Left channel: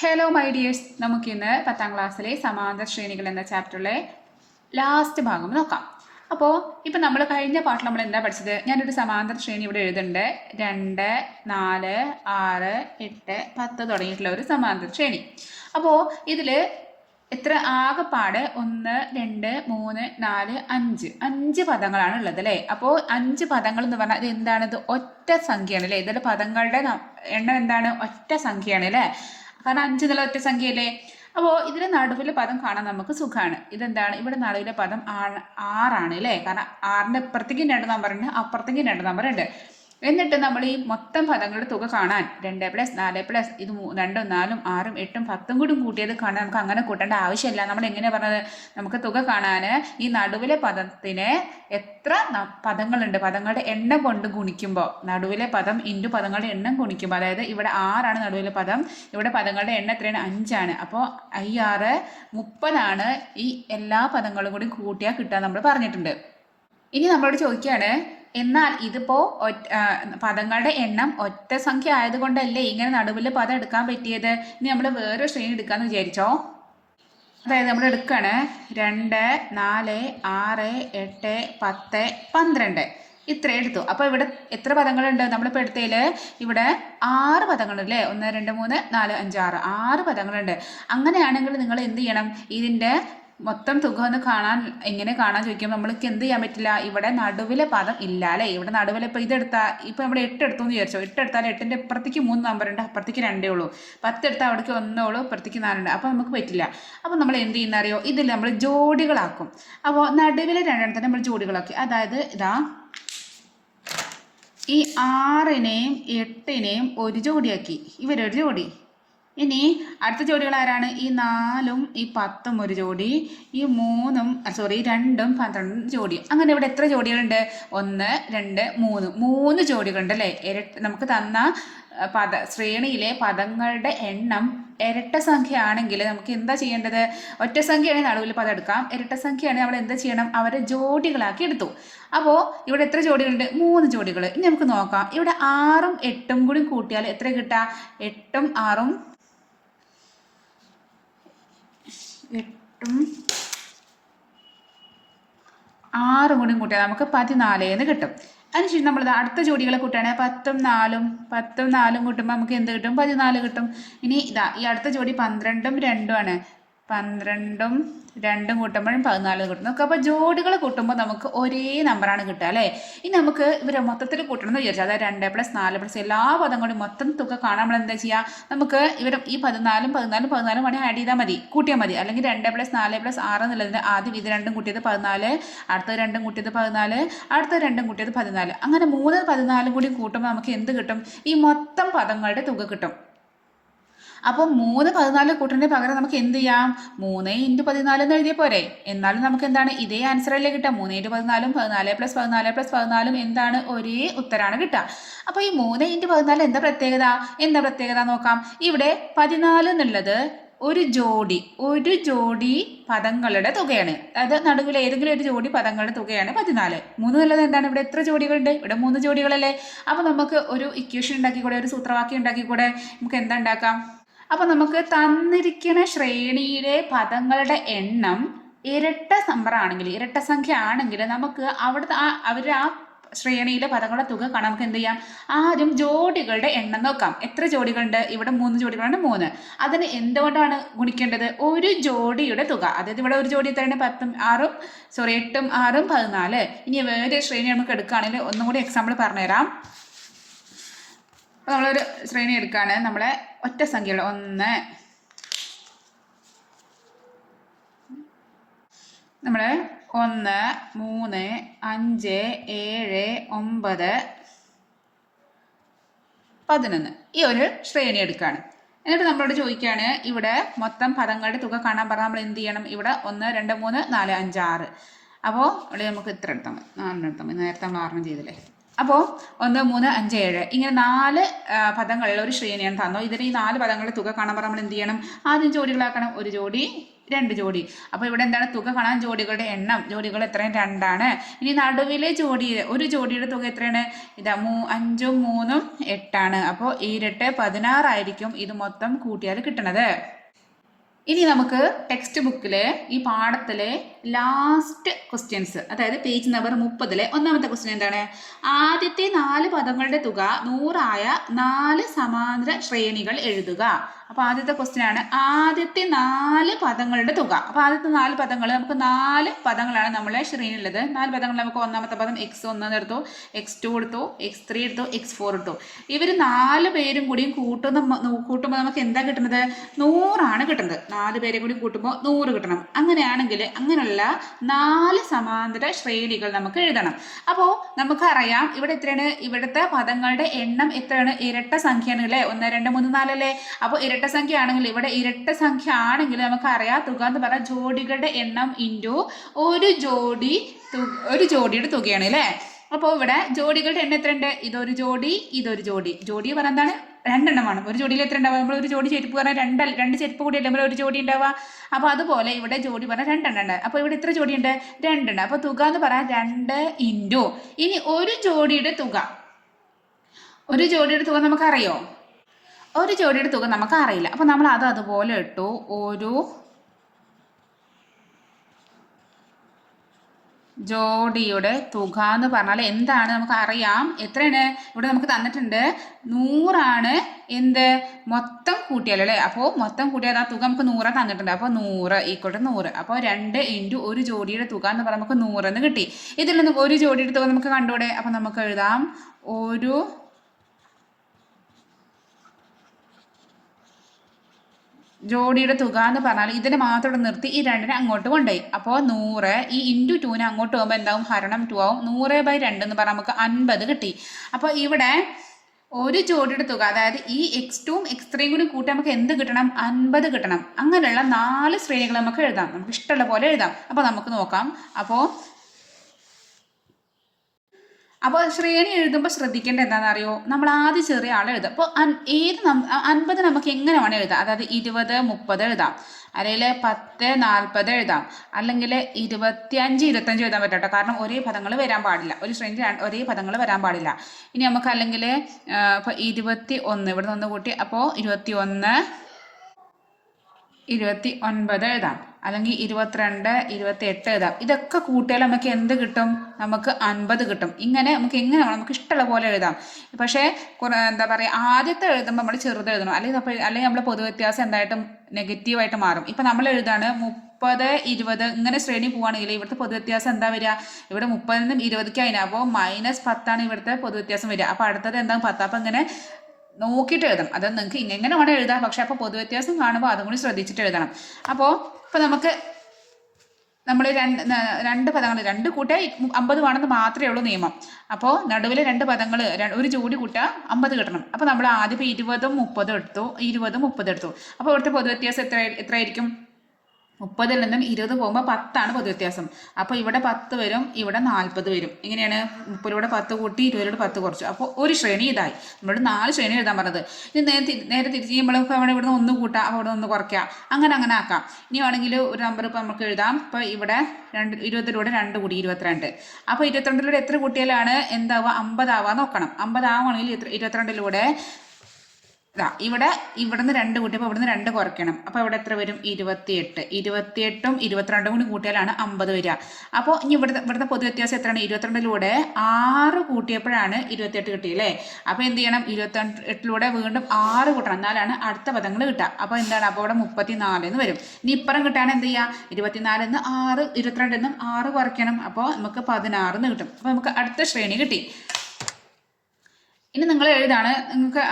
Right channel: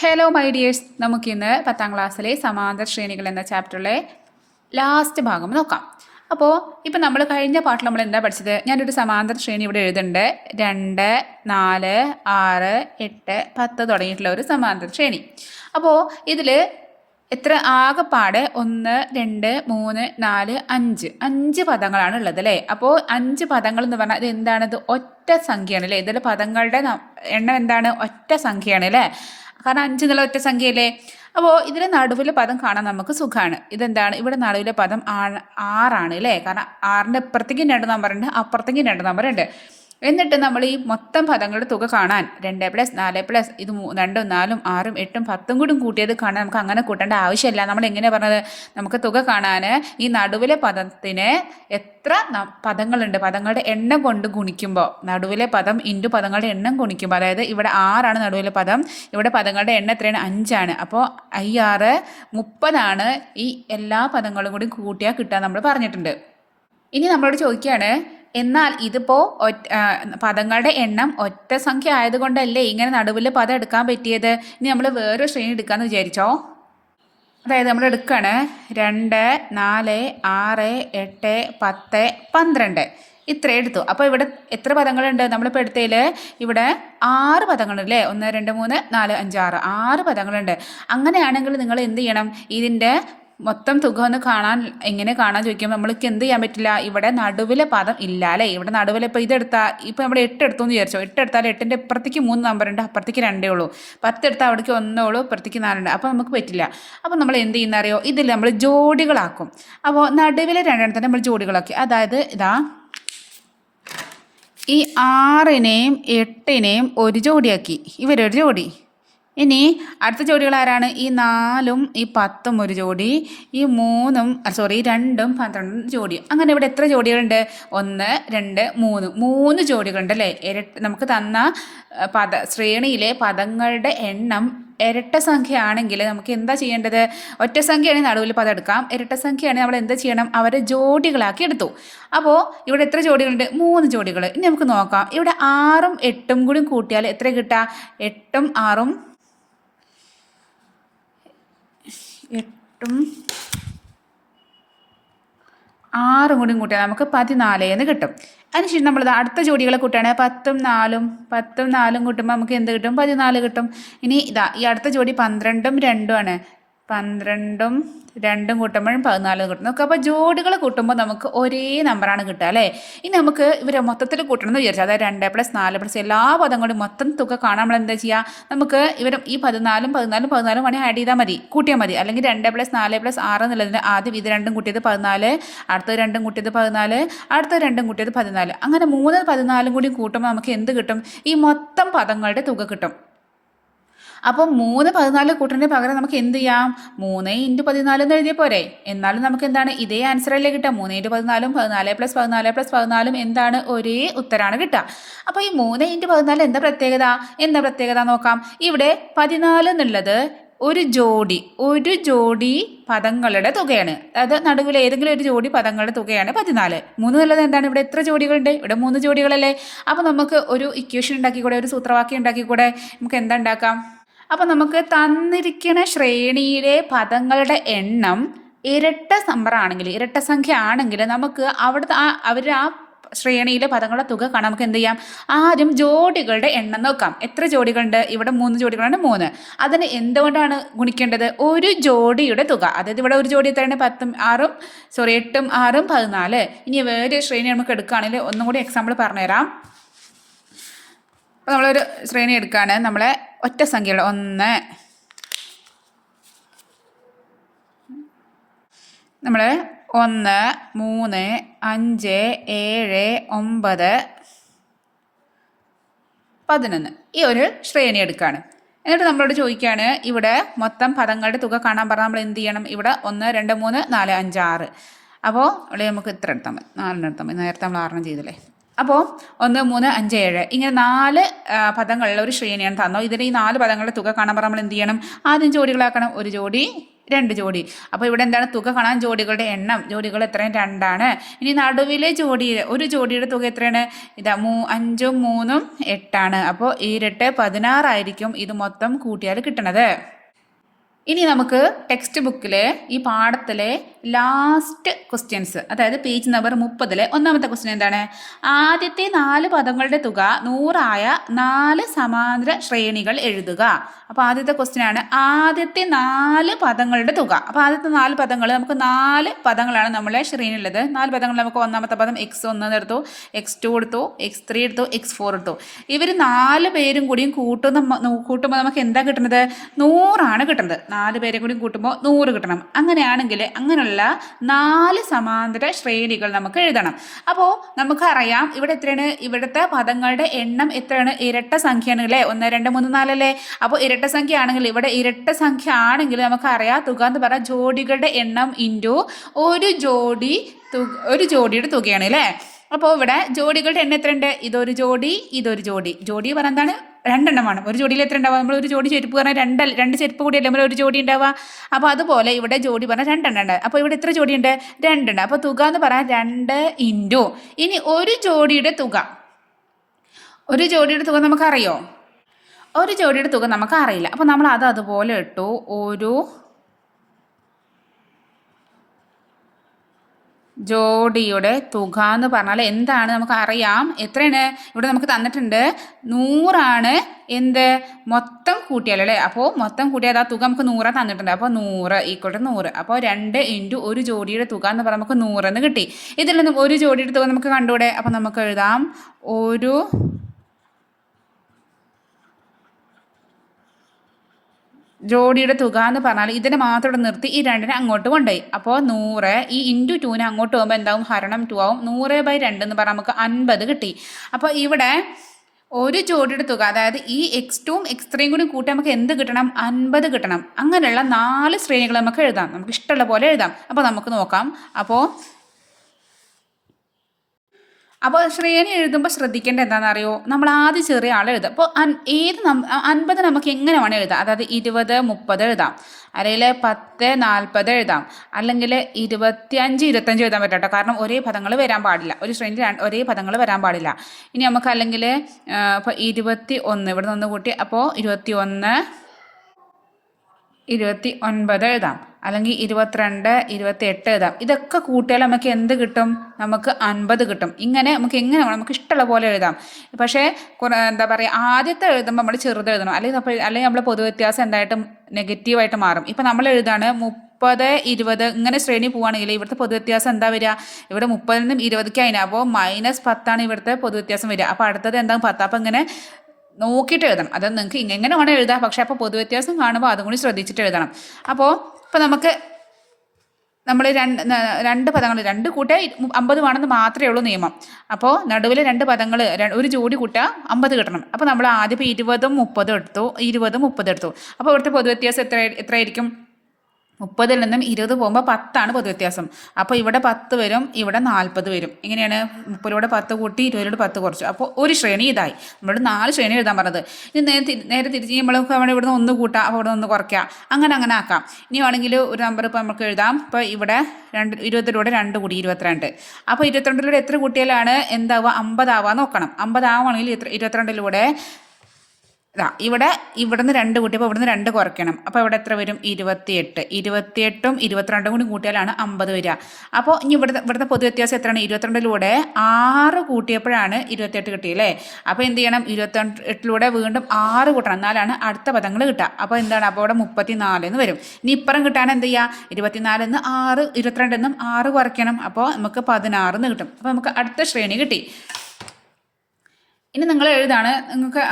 Hello my dears, നമുക്കിന്ന് 10ാം ക്ലാസ്സിലെ സമാന്തര ശ്രേണികൾ എന്ന ചാപ്റ്ററിലെ ലാസ്റ്റ് ഭാഗം നോക്കാം. അപ്പോൾ ഇപ്പം നമ്മൾ കഴിഞ്ഞ പാട്ടിൽ നമ്മൾ എന്താ പഠിച്ചത്? ഞാനൊരു സമാന്തര ശ്രേണി ഇവിടെ എഴുതുന്നുണ്ട്. 2, 4, 6, 8, 10 തുടങ്ങിയിട്ടുള്ള ഒരു സമാന്തര ശ്രേണി. അപ്പോൾ ഇതിൽ എത്ര ആകെപ്പാടെ 1, 2, 3, 4, 5 പദങ്ങളാണ് ഉള്ളത് അല്ലേ? അപ്പോൾ 5 പദങ്ങൾ എന്ന് പറഞ്ഞാൽ ഇത് എന്താണിത്? ഒറ്റ സംഖ്യയാണ് അല്ലേ? ഇതിൽ പദങ്ങളുടെ എണ്ണം എന്താണ്? ഒറ്റ സംഖ്യയാണ് അല്ലേ? കാരണം 5 എന്നുള്ള ഒറ്റ സംഖ്യയല്ലേ? അപ്പോൾ ഇതിലെ നടുവിലെ പദം കാണാൻ നമുക്ക് സുഖമാണ്. ഇതെന്താണ്? ഇവിടെ നടുവിലെ പദം 6 അല്ലേ? കാരണം 6ൻ്റെ ഇപ്പുറത്തേക്കും 2 നമ്പർ ഉണ്ട്, അപ്പുറത്തേക്കും 2 നമ്പർ ഉണ്ട്. എന്നിട്ട് നമ്മൾ ഈ മൊത്തം പദങ്ങളുടെ തുക കാണാൻ 2 + 4 + ഇത് 2, 4, 6, 8, 10 കൂടി കൂട്ടിയത് കാണാൻ നമുക്ക് അങ്ങനെ കൂട്ടേണ്ട ആവശ്യമില്ല. നമ്മൾ എങ്ങനെയാണ് പറഞ്ഞത്? നമുക്ക് തുക കാണാൻ ഈ നടുവിലെ പദത്തിന് എത്ര പദങ്ങളുണ്ട്, പദങ്ങളുടെ എണ്ണം കൊണ്ട് ഗുണിക്കുമ്പോൾ, നടുവിലെ പദം ഇൻറ്റു പദങ്ങളുടെ എണ്ണം ഗുണിക്കുമ്പോൾ, അതായത് ഇവിടെ 6 നടുവിലെ പദം, ഇവിടെ പദങ്ങളുടെ എണ്ണം എത്രയാണ്? 5. അപ്പോൾ 6 30 ഈ എല്ലാ പദങ്ങളും കൂടി കൂട്ടിയാൽ കിട്ടുക നമ്മൾ പറഞ്ഞിട്ടുണ്ട്. ഇനി നമ്മളോട് ചോദിക്കുകയാണ്, എന്നാൽ ഇതിപ്പോൾ പദങ്ങളുടെ എണ്ണം ഒറ്റ സംഖ്യ ആയതുകൊണ്ടല്ലേ ഇങ്ങനെ നടുവിൽ പദം എടുക്കാൻ പറ്റിയത്? ഇനി നമ്മൾ വേറൊരു ശ്രേണി എടുക്കാമെന്ന് വിചാരിച്ചോ. അതായത് നമ്മൾ എടുക്കുകയാണ് 2, 4, 6, 8, 10, 12 ഇത്ര എടുത്തു. അപ്പോൾ ഇവിടെ എത്ര പദങ്ങളുണ്ട്? നമ്മളിപ്പോൾ എടുത്തതിൽ ഇവിടെ 6 പദങ്ങളുണ്ടല്ലേ? 1, 2, 3, 4, 5, 6 പദങ്ങളുണ്ട്. അങ്ങനെയാണെങ്കിൽ നിങ്ങൾ എന്ത് ചെയ്യണം? ഇതിൻ്റെ മൊത്തം തുക ഒന്ന് കാണാൻ എങ്ങനെ കാണാൻ ചോദിക്കുമ്പോൾ നമ്മൾക്ക് എന്ത് ചെയ്യാൻ പറ്റില്ല? ഇവിടെ നടുവിലെ പദം ഇല്ല അല്ലേ? ഇവിടെ നടുവിലെ ഇപ്പോൾ ഇതെടുത്താൽ, ഇപ്പോൾ നമ്മൾ 8 എടുത്തു എന്ന് വിചാരിച്ചോ. 8 എടുത്താൽ 8ൻ്റെ ഇപ്പുറത്തേക്ക് 3 നമ്പർ ഉണ്ട്, അപ്പുറത്തേക്ക് 2 ഉള്ളൂ. 10 എടുത്താൽ അവിടേക്ക് 1 ഉള്ളൂ, ഇപ്പുറത്തേക്ക് 4 ഉണ്ട്. അപ്പോൾ നമുക്ക് പറ്റില്ല. അപ്പോൾ നമ്മൾ എന്ത് ചെയ്യുന്നറിയോ? ഇതിൽ നമ്മൾ ജോഡികളാക്കും. അപ്പോൾ നടുവിലെ 2 നമ്മൾ ജോഡികളാക്കി. അതായത് ഇതാ ഈ 6നെയും 8നെയും ഒരു ജോഡിയാക്കി, ഇവരൊരു ജോഡി. ഇനി അടുത്ത ജോഡികൾ ആരാണ്? ഈ 4ഉം ഈ 10ഉം ഒരു ജോഡി, ഈ 2ഉം 12ഉം ജോഡി. അങ്ങനെ ഇവിടെ എത്ര ജോഡികളുണ്ട്? 1, 2, 3 ജോഡികളുണ്ട് അല്ലേ? നമുക്ക് തന്ന ശ്രേണിയിലെ പദങ്ങളുടെ എണ്ണം ഇരട്ട സംഖ്യ ആണെങ്കിൽ നമുക്ക് എന്താ ചെയ്യേണ്ടത്? ഒറ്റ സംഖ്യയാണെങ്കിൽ നടുവിൽ പദം എടുക്കാം, ഇരട്ട സംഖ്യയാണെങ്കിൽ നമ്മൾ എന്താ ചെയ്യണം? അവരെ ജോഡികളാക്കി എടുത്തു. അപ്പോൾ ഇവിടെ എത്ര ജോഡികളുണ്ട്? 3 ജോഡികൾ. ഇനി നമുക്ക് നോക്കാം. ഇവിടെ 6ഉം 8ഉം കൂടി കൂട്ടിയാൽ എത്ര കിട്ടുക? 8ഉം 6ഉം 6 കൂടി കൂട്ടിയാൽ നമുക്ക് 14 എന്ന് കിട്ടും. അതിനുശേഷം നമ്മൾ അടുത്ത ജോഡികളെ കൂട്ടുകയാണ്. 10ഉം 4ഉം കൂട്ടുമ്പോൾ നമുക്ക് എന്ത് കിട്ടും? 14 കിട്ടും. ഇനി ഇതാ ഈ അടുത്ത ജോഡി 12ഉം 2ഉം ആണ്. 12ഉം 2ഉം കൂട്ടുമ്പോഴും 14 കിട്ടും. നോക്കുക, അപ്പോൾ ജോഡികൾ കൂട്ടുമ്പോൾ നമുക്ക് ഒരേ നമ്പറാണ് കിട്ടുക അല്ലേ? ഇനി നമുക്ക് ഇവരെ മൊത്തത്തിൽ കൂട്ടണം എന്ന് വിചാരിച്ചാൽ, അതായത് 2 + 4 + എല്ലാ പദങ്ങളും മൊത്തം തുക കാണാൻ നമ്മൾ എന്താ ചെയ്യുക? നമുക്ക് ഇവരും ഈ 14ഉം 14ഉം വേണമെങ്കിൽ ആഡ് ചെയ്താൽ മതി, കൂട്ടിയാൽ മതി. അല്ലെങ്കിൽ 2 + 4 + 6 എന്നുള്ളതിന് ആദ്യം ഇത് 2ഉം കൂട്ടിയത് 14, അടുത്ത 2ഉം കൂട്ടിയത് 14, അടുത്ത 2ഉം കൂട്ടിയത് 14. അങ്ങനെ 3, 14 കൂടി കൂട്ടുമ്പോൾ നമുക്ക് എന്ത് കിട്ടും? ഈ മൊത്തം പദങ്ങളുടെ തുക കിട്ടും. അപ്പോൾ 3, 14 കൂട്ടുന്നതിന് പകരം നമുക്ക് എന്ത് ചെയ്യാം? 3 × 14 എന്ന് എഴുതിയാൽ പോരെ? എന്നാലും നമുക്ക് എന്താണ്? ഇതേ ആൻസറല്ലേ കിട്ടുക? 3 × 14, 14 + 14 + 14 എന്താണ്? ഒരേ ഉത്തരമാണ് കിട്ടുക. അപ്പോൾ ഈ 3 × 14 എന്താ പ്രത്യേകത നോക്കാം. ഇവിടെ 14 എന്നുള്ളത് ഒരു ജോഡി പദങ്ങളുടെ തുകയാണ്. അതായത് നടുവിൽ ഏതെങ്കിലും ഒരു ജോഡി പദങ്ങളുടെ തുകയാണ് 14. 3 എന്നുള്ളത് എന്താണ്? ഇവിടെ എത്ര ജോഡികളുണ്ട്? ഇവിടെ 3 ജോഡികളല്ലേ? അപ്പോൾ നമുക്ക് ഒരു ഇക്വേഷൻ ഉണ്ടാക്കിക്കൂടെ? ഒരു സൂത്രവാക്യം ഉണ്ടാക്കിക്കൂടെ? നമുക്ക് എന്താ ഉണ്ടാക്കാം? അപ്പോൾ നമുക്ക് തന്നിരിക്കുന്ന ശ്രേണിയിലെ പദങ്ങളുടെ എണ്ണം ഇരട്ട സംഖ്യ ആണെങ്കിൽ നമുക്ക് അവിടുത്തെ ആ ശ്രേണിയിലെ പദങ്ങളുടെ തുക കാണാൻ നമുക്ക് എന്ത് ചെയ്യാം? ആദ്യം ജോഡികളുടെ എണ്ണം നോക്കാം. എത്ര ജോഡികളുണ്ട്? ഇവിടെ 3 ജോഡികളാണ്. 3 അതിന് എന്തുകൊണ്ടാണ് ഗുണിക്കേണ്ടത്? ഒരു ജോഡിയുടെ തുക. അതായത് ഇവിടെ ഒരു ജോഡി എത്രയാണ്? 8ഉം 6ഉം 14. ഇനി വേറെ ശ്രേണി നമുക്ക് എടുക്കുകയാണെങ്കിൽ ഒന്നും കൂടി എക്സാമ്പിൾ പറഞ്ഞുതരാം. അപ്പോൾ നമ്മളൊരു ശ്രേണി എടുക്കുകയാണ്. നമ്മളെ ഒറ്റ സംഖ്യകൾ 1, നമ്മൾ 1, 3, 5, 7, 9, 11 ഈ ഒരു ശ്രേണി എടുക്കുകയാണ്. എന്നിട്ട് നമ്മളോട് ചോദിക്കുകയാണ്, ഇവിടെ മൊത്തം പദങ്ങളുടെ തുക കാണാൻ പറഞ്ഞാൽ നമ്മൾ എന്ത് ചെയ്യണം? ഇവിടെ 1, 2, 3, 4, 5, 6. അപ്പോൾ ഇവിടെ നമുക്ക് ഇത്ര എടുത്താൽ മതി, 4 എടുത്താൽ മതി. നേരത്തെ നമ്മൾ 6 ചെയ്തില്ലേ? അപ്പോൾ 1, 3, 5, 7 ഇങ്ങനെ 4 പദങ്ങളുള്ള ഒരു ശ്രേണിയാണ് തന്നോ. ഇതിൽ ഈ 4 പദങ്ങളുടെ തുക കാണുമ്പോൾ നമ്മൾ എന്ത് ചെയ്യണം? ആദ്യം ജോഡികളാക്കണം. ഒരു ജോഡി, രണ്ട് ജോഡി. അപ്പോൾ ഇവിടെ എന്താണ് തുക കാണാൻ? ജോഡികളുടെ എണ്ണം. ജോഡികൾ എത്രയും 2ആണ്. ഇനി നടുവിലെ ജോഡി, ഒരു ജോഡിയുടെ തുക എത്രയാണ്? ഇതാ 5ഉം 3ഉം 8ആണ്. അപ്പോൾ 7 16 ആയിരിക്കും ഇത് മൊത്തം കൂട്ടിയാൽ കിട്ടണത്. ഇനി നമുക്ക് ടെക്സ്റ്റ് ബുക്കിലെ ഈ പാഠത്തിലെ ലാസ്റ്റ് ക്വസ്റ്റ്യൻസ്, അതായത് പേജ് നമ്പർ 30 ഒന്നാമത്തെ ക്വസ്റ്റ്യൻ എന്താണ്? ആദ്യത്തെ 4 പദങ്ങളുടെ തുക 100 ആയ 4 സമാന്തര ശ്രേണികൾ എഴുതുക. അപ്പോൾ ആദ്യത്തെ ക്വസ്റ്റ്യൻ ആണ് ആദ്യത്തെ 4 പദങ്ങളുടെ തുക. അപ്പോൾ ആദ്യത്തെ 4 പദങ്ങൾ, നമുക്ക് 4 പദങ്ങളാണ് നമ്മളെ ശ്രേണിയുള്ളത്. 4 പദങ്ങൾ നമുക്ക് ഒന്നാമത്തെ പദം x1 എടുത്തു, x2 എടുത്തു, x3 എടുത്തു, x4 എടുത്തു. ഇവർ 4 പേരും കൂടിയും കൂട്ടുമ്പോൾ നമുക്ക് എന്താ കിട്ടുന്നത്? 100ആണ് കിട്ടുന്നത്. 4 പേരെ കൂടി കൂട്ടുമ്പോൾ 100 കിട്ടണം. അങ്ങനെയാണെങ്കിൽ അങ്ങനെയുള്ള 4 സമാന്തര ശ്രേണികൾ നമുക്ക് എഴുതണം. അപ്പോൾ നമുക്കറിയാം ഇവിടെ എത്രയാണ്? ഇവിടുത്തെ പദങ്ങളുടെ എണ്ണം എത്രയാണ്? ഇരട്ട സംഖ്യയാണ് അല്ലേ? 1, 2, 3, 4 അല്ലേ? അപ്പോൾ ഇരട്ട സംഖ്യ ആണെങ്കിൽ, ഇവിടെ ഇരട്ട സംഖ്യ ആണെങ്കിൽ നമുക്കറിയാം തുക എന്ന് പറഞ്ഞാൽ ജോഡികളുടെ എണ്ണം ഇൻറ്റു ഒരു ജോഡിയുടെ തുകയാണ് അല്ലേ? അപ്പോൾ ഇവിടെ ജോഡികളുടെ എണ്ണം എത്ര ഉണ്ട്? ഇതൊരു ജോഡി, ഇതൊരു ജോഡി. ജോഡി പറഞ്ഞാൽ രണ്ടെണ്ണമാണ്. ഒരു ജോഡിയിൽ എത്ര ഉണ്ടാവുക? നമ്മൾ ഒരു ജോഡി ചെരുപ്പ് പറഞ്ഞാൽ രണ്ട് ചെരുപ്പ് കൂടിയല്ലേ നമ്മൾ ഒരു ജോഡി ഉണ്ടാവുക. അപ്പോൾ അതുപോലെ ഇവിടെ ജോഡി പറഞ്ഞാൽ 2 ഉണ്ട്. അപ്പോൾ ഇവിടെ എത്ര ജോഡി ഉണ്ട്? 2 ഉണ്ട്. അപ്പോൾ തുക എന്ന് പറയാൻ 2 ഇൻറ്റു, ഇനി ഒരു ജോഡിയുടെ തുക നമുക്കറിയോ? ഒരു ജോഡിയുടെ തുക നമുക്ക് അറിയില്ല. അപ്പോൾ നമ്മൾ അതുപോലെ ഇട്ടു. ഒരു ജോഡിയുടെ തുക എന്ന് പറഞ്ഞാൽ എന്താണ് നമുക്ക് അറിയാം. എത്രയാണ്? ഇവിടെ നമുക്ക് തന്നിട്ടുണ്ട് 100ആണ് എന്ത് മൊത്തം കൂട്ടിയാൽ അല്ലേ? അപ്പോൾ മൊത്തം കൂട്ടിയാൽ ആ തുക നമുക്ക് 100 തന്നിട്ടുണ്ട്. അപ്പോൾ 100 = 100. അപ്പോൾ 2 ഇൻറ്റു ഒരു ജോഡിയുടെ തുക എന്ന് പറഞ്ഞാൽ നമുക്ക് 100 എന്ന് കിട്ടി. ഇതിൽ നിന്ന് ഒരു ജോഡിയുടെ തുക നമുക്ക് കണ്ടുകൂടെ? അപ്പോൾ നമുക്ക് എഴുതാം ഒരു ജോഡിയുടെ തുക എന്ന് പറഞ്ഞാൽ ഇതിനെ മാത്രം ഇവിടെ നിർത്തി ഈ 2നെ അങ്ങോട്ട് കൊണ്ടുപോയി. അപ്പോൾ 100 ഈ ഇൻറ്റു 2നെ അങ്ങോട്ട് പോകുമ്പോൾ എന്താവും? ഹരണം 2 ആവും. 100/2 എന്ന് പറഞ്ഞാൽ നമുക്ക് 50 കിട്ടി. അപ്പോൾ ഇവിടെ ഒരു ജോഡിയുടെ തുക, അതായത് ഈ x2ഉം x3യും കൂടി കൂട്ടി നമുക്ക് എന്ത് കിട്ടണം? 50 കിട്ടണം. അങ്ങനെയുള്ള 4 ശ്രേണികൾ നമുക്ക് എഴുതാം. നമുക്ക് ഇഷ്ടമുള്ള പോലെ എഴുതാം. അപ്പോൾ നമുക്ക് നോക്കാം. അപ്പോൾ ശ്രേണി എഴുതുമ്പോൾ ശ്രദ്ധിക്കേണ്ട എന്താണെന്ന് അറിയോ? നമ്മൾ ആദ്യം ചെറിയ ആൾ എഴുതാം. അപ്പോൾ 50 നമുക്ക് എങ്ങനെ വേണം എഴുതാം? അതായത് 20, 30 എഴുതാം, അല്ലെങ്കിൽ 10, 40 എഴുതാം, അല്ലെങ്കിൽ 25, 25 എഴുതാൻ പറ്റാട്ടോ. കാരണം ഒരേ പദങ്ങൾ വരാൻ പാടില്ല. ഒരു ശ്രേണിയിൽ ഒരേ പദങ്ങൾ വരാൻ പാടില്ല. ഇനി നമുക്ക് അല്ലെങ്കിൽ ഇപ്പോൾ 21 ഇവിടെ നിന്ന് കൂട്ടി, അപ്പോൾ 21, 29 എഴുതാം, അല്ലെങ്കിൽ 22, 28 എഴുതാം. ഇതൊക്കെ കൂട്ടിയാൽ നമുക്ക് എന്ത് കിട്ടും? നമുക്ക് 50 കിട്ടും. ഇങ്ങനെ നമുക്ക് എങ്ങനെ വേണം? നമുക്ക് ഇഷ്ടമുള്ള പോലെ എഴുതാം. പക്ഷേ എന്താ പറയുക, ആദ്യത്തെ എഴുതുമ്പോൾ നമ്മൾ ചെറുത് എഴുതണം, അല്ലെങ്കിൽ നമ്മൾ പൊതുവ്യത്യാസം എന്തായിട്ടും നെഗറ്റീവായിട്ട് മാറും. ഇപ്പം നമ്മൾ എഴുതാണ് 30, 20 ഇങ്ങനെ ശ്രേണി പോവുകയാണെങ്കിൽ ഇവിടുത്തെ പൊതുവ്യത്യാസം എന്താ വരിക? ഇവിടെ 30 നിന്നും 20 അതിന്, അപ്പോൾ -10 ഇവിടുത്തെ പൊതുവ്യത്യാസം വരിക. അപ്പോൾ അടുത്തത് എന്താ? 10. അപ്പോൾ ഇങ്ങനെ നോക്കിയിട്ട് എഴുതണം. അത് നിങ്ങൾക്ക് ഇങ്ങനെ വേണം എഴുതാം. പക്ഷേ അപ്പോൾ പൊതുവ്യത്യാസം കാണുമ്പോൾ അതും കൂടി ശ്രദ്ധിച്ചിട്ട് എഴുതണം. അപ്പോൾ നമുക്ക് നമ്മൾ രണ്ട് പദങ്ങൾ 2 കൂട്ടുക 50 വേണമെന്ന് മാത്രമേ ഉള്ളൂ നിയമം. അപ്പോൾ നടുവിലെ 2 പദങ്ങൾ ഒരു ജോഡി കൂട്ടുക 50 കിട്ടണം. അപ്പോൾ നമ്മൾ ആദ്യം ഇപ്പോൾ 20ഉം 30 എടുത്തു, 20ഉം 30 എടുത്തു. അപ്പോൾ ഇവിടുത്തെ പൊതുവ്യത്യാസം എത്രയായിരിക്കും? 30ൽ നിന്നും 20 പോകുമ്പോൾ 10ആണ് പൊതുവ്യത്യാസം. അപ്പോൾ ഇവിടെ 10 വരും, ഇവിടെ 40 വരും. ഇങ്ങനെയാണ് 30ലൂടെ 10 കൂട്ടി 20ലൂടെ 10 കുറച്ചു. അപ്പോൾ ഒരു ശ്രേണി ഇതായി. നമ്മൾ 4 ശ്രേണി എഴുതാൻ പറഞ്ഞത്. ഇനി നേരെ തിരിച്ച് നമ്മൾക്ക് അവിടെ ഇവിടുന്ന് 1 കൂട്ടാം, അപ്പോൾ ഇവിടെ 1 കുറയ്ക്കുക, അങ്ങനെ ആക്കാം. ഇനി വേണമെങ്കിൽ ഒരു നമ്പർ ഇപ്പോൾ നമുക്ക് എഴുതാം. ഇപ്പോൾ ഇവിടെ 20ലൂടെ 2 കൂടി 22. അപ്പോൾ 22ലൂടെ എത്ര കൂട്ടിയാലാണ് എന്താവുക? 50 ആവാൻ നോക്കണം. 50 ആവുകയാണെങ്കിൽ 22ലൂടെ ഇവിടുന്ന് 2 കൂട്ടിയപ്പോൾ ഇവിടുന്ന് 2 കുറയ്ക്കണം. അപ്പോൾ ഇവിടെ എത്ര വരും? 28. 28ഉം 22ഉം കൂടി കൂട്ടിയാലാണ് 50 വരിക. അപ്പോൾ ഇനി ഇവിടുത്തെ പൊതുവ്യത്യാസം എത്രയാണ്? 22ലൂടെ 6 കൂട്ടിയപ്പോഴാണ് 28 കിട്ടിയല്ലേ? അപ്പോൾ എന്ത് ചെയ്യണം? 28ലൂടെ വീണ്ടും 6 കൂട്ടണം, എന്നാലാണ് അടുത്ത പദങ്ങൾ കിട്ടുക. അപ്പോൾ എന്താണ്? അപ്പോൾ ഇവിടെ 34 എന്ന് വരും. ഇനി ഇപ്പുറം കിട്ടാൻ എന്ത് ചെയ്യുക? 24 നിന്ന് 6, 22 നിന്നും 6 കുറയ്ക്കണം. അപ്പോൾ നമുക്ക് 16 എന്ന് കിട്ടും. അപ്പോൾ നമുക്ക് അടുത്ത ശ്രേണി കിട്ടി. ഇനി നിങ്ങൾ എഴുതാണ്, നിങ്ങൾക്ക്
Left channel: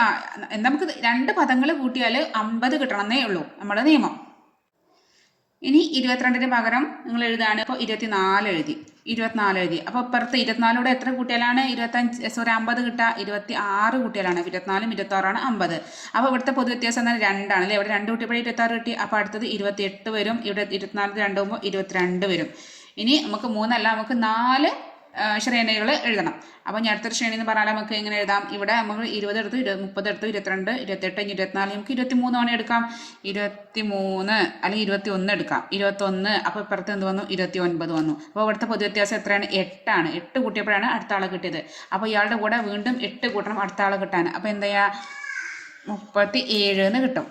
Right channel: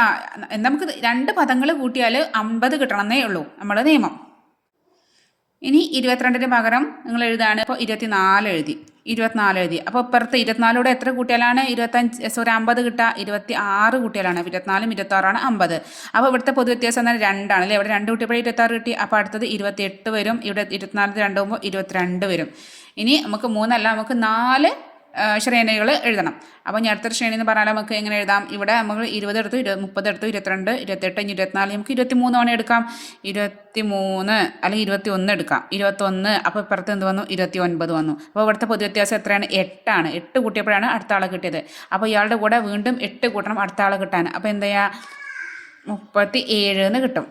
നമുക്ക് 2 പദങ്ങൾ കൂട്ടിയാൽ 50 കിട്ടണമെന്നേ ഉള്ളൂ നമ്മുടെ നിയമം. ഇനി 22ന് പകരം നിങ്ങൾ എഴുതാണ്. ഇപ്പോൾ 24 എഴുതി. അപ്പോൾ ഇപ്പുറത്ത് 24ലൂടെ എത്ര കൂട്ടിയാലാണ് 50 കിട്ടുക? 26 കൂട്ടിയാലാണ്. 24ഉം 26ആണ് 50. അപ്പോൾ ഇവിടുത്തെ പൊതുവ്യത്യാസം എന്നാൽ 2 അല്ലേ? ഇവിടെ 2 കൂട്ടിയപ്പോൾ 26 കിട്ടി. അപ്പോൾ അടുത്തത് 28 വരും. ഇവിടെ 24 2 ആകുമ്പോൾ 22 വരും. ഇനി നമുക്ക് 3 അല്ല, നമുക്ക് 4 ശ്രേണികൾ എഴുതണം. അപ്പോൾ ഞാൻ അടുത്തൊരു ശ്രേണി എന്ന് പറഞ്ഞാൽ നമുക്ക് എങ്ങനെ എഴുതാം? ഇവിടെ നമ്മൾ 20 എടുത്തു, 30 എടുത്തു, 22, 28, 24, നമുക്ക് 23 തവണ എടുക്കാം. 23 അല്ലെങ്കിൽ 21 എടുക്കാം. 21, അപ്പോൾ ഇപ്പുറത്ത് എന്ത് വന്നു? 29 വന്നു. അപ്പോൾ ഇവിടുത്തെ പൊതു വ്യത്യാസം എത്രയാണ്? 8 ആണ്. 8 കൂട്ടിയപ്പോഴാണ് അടുത്ത ആളെ കിട്ടിയത്. അപ്പോൾ ഇയാളുടെ കൂടെ വീണ്ടും 8 കൂട്ടണം അടുത്ത ആളെ കിട്ടാൻ. അപ്പോൾ എന്താ ചെയ്യുക? 37 എന്ന് കിട്ടും.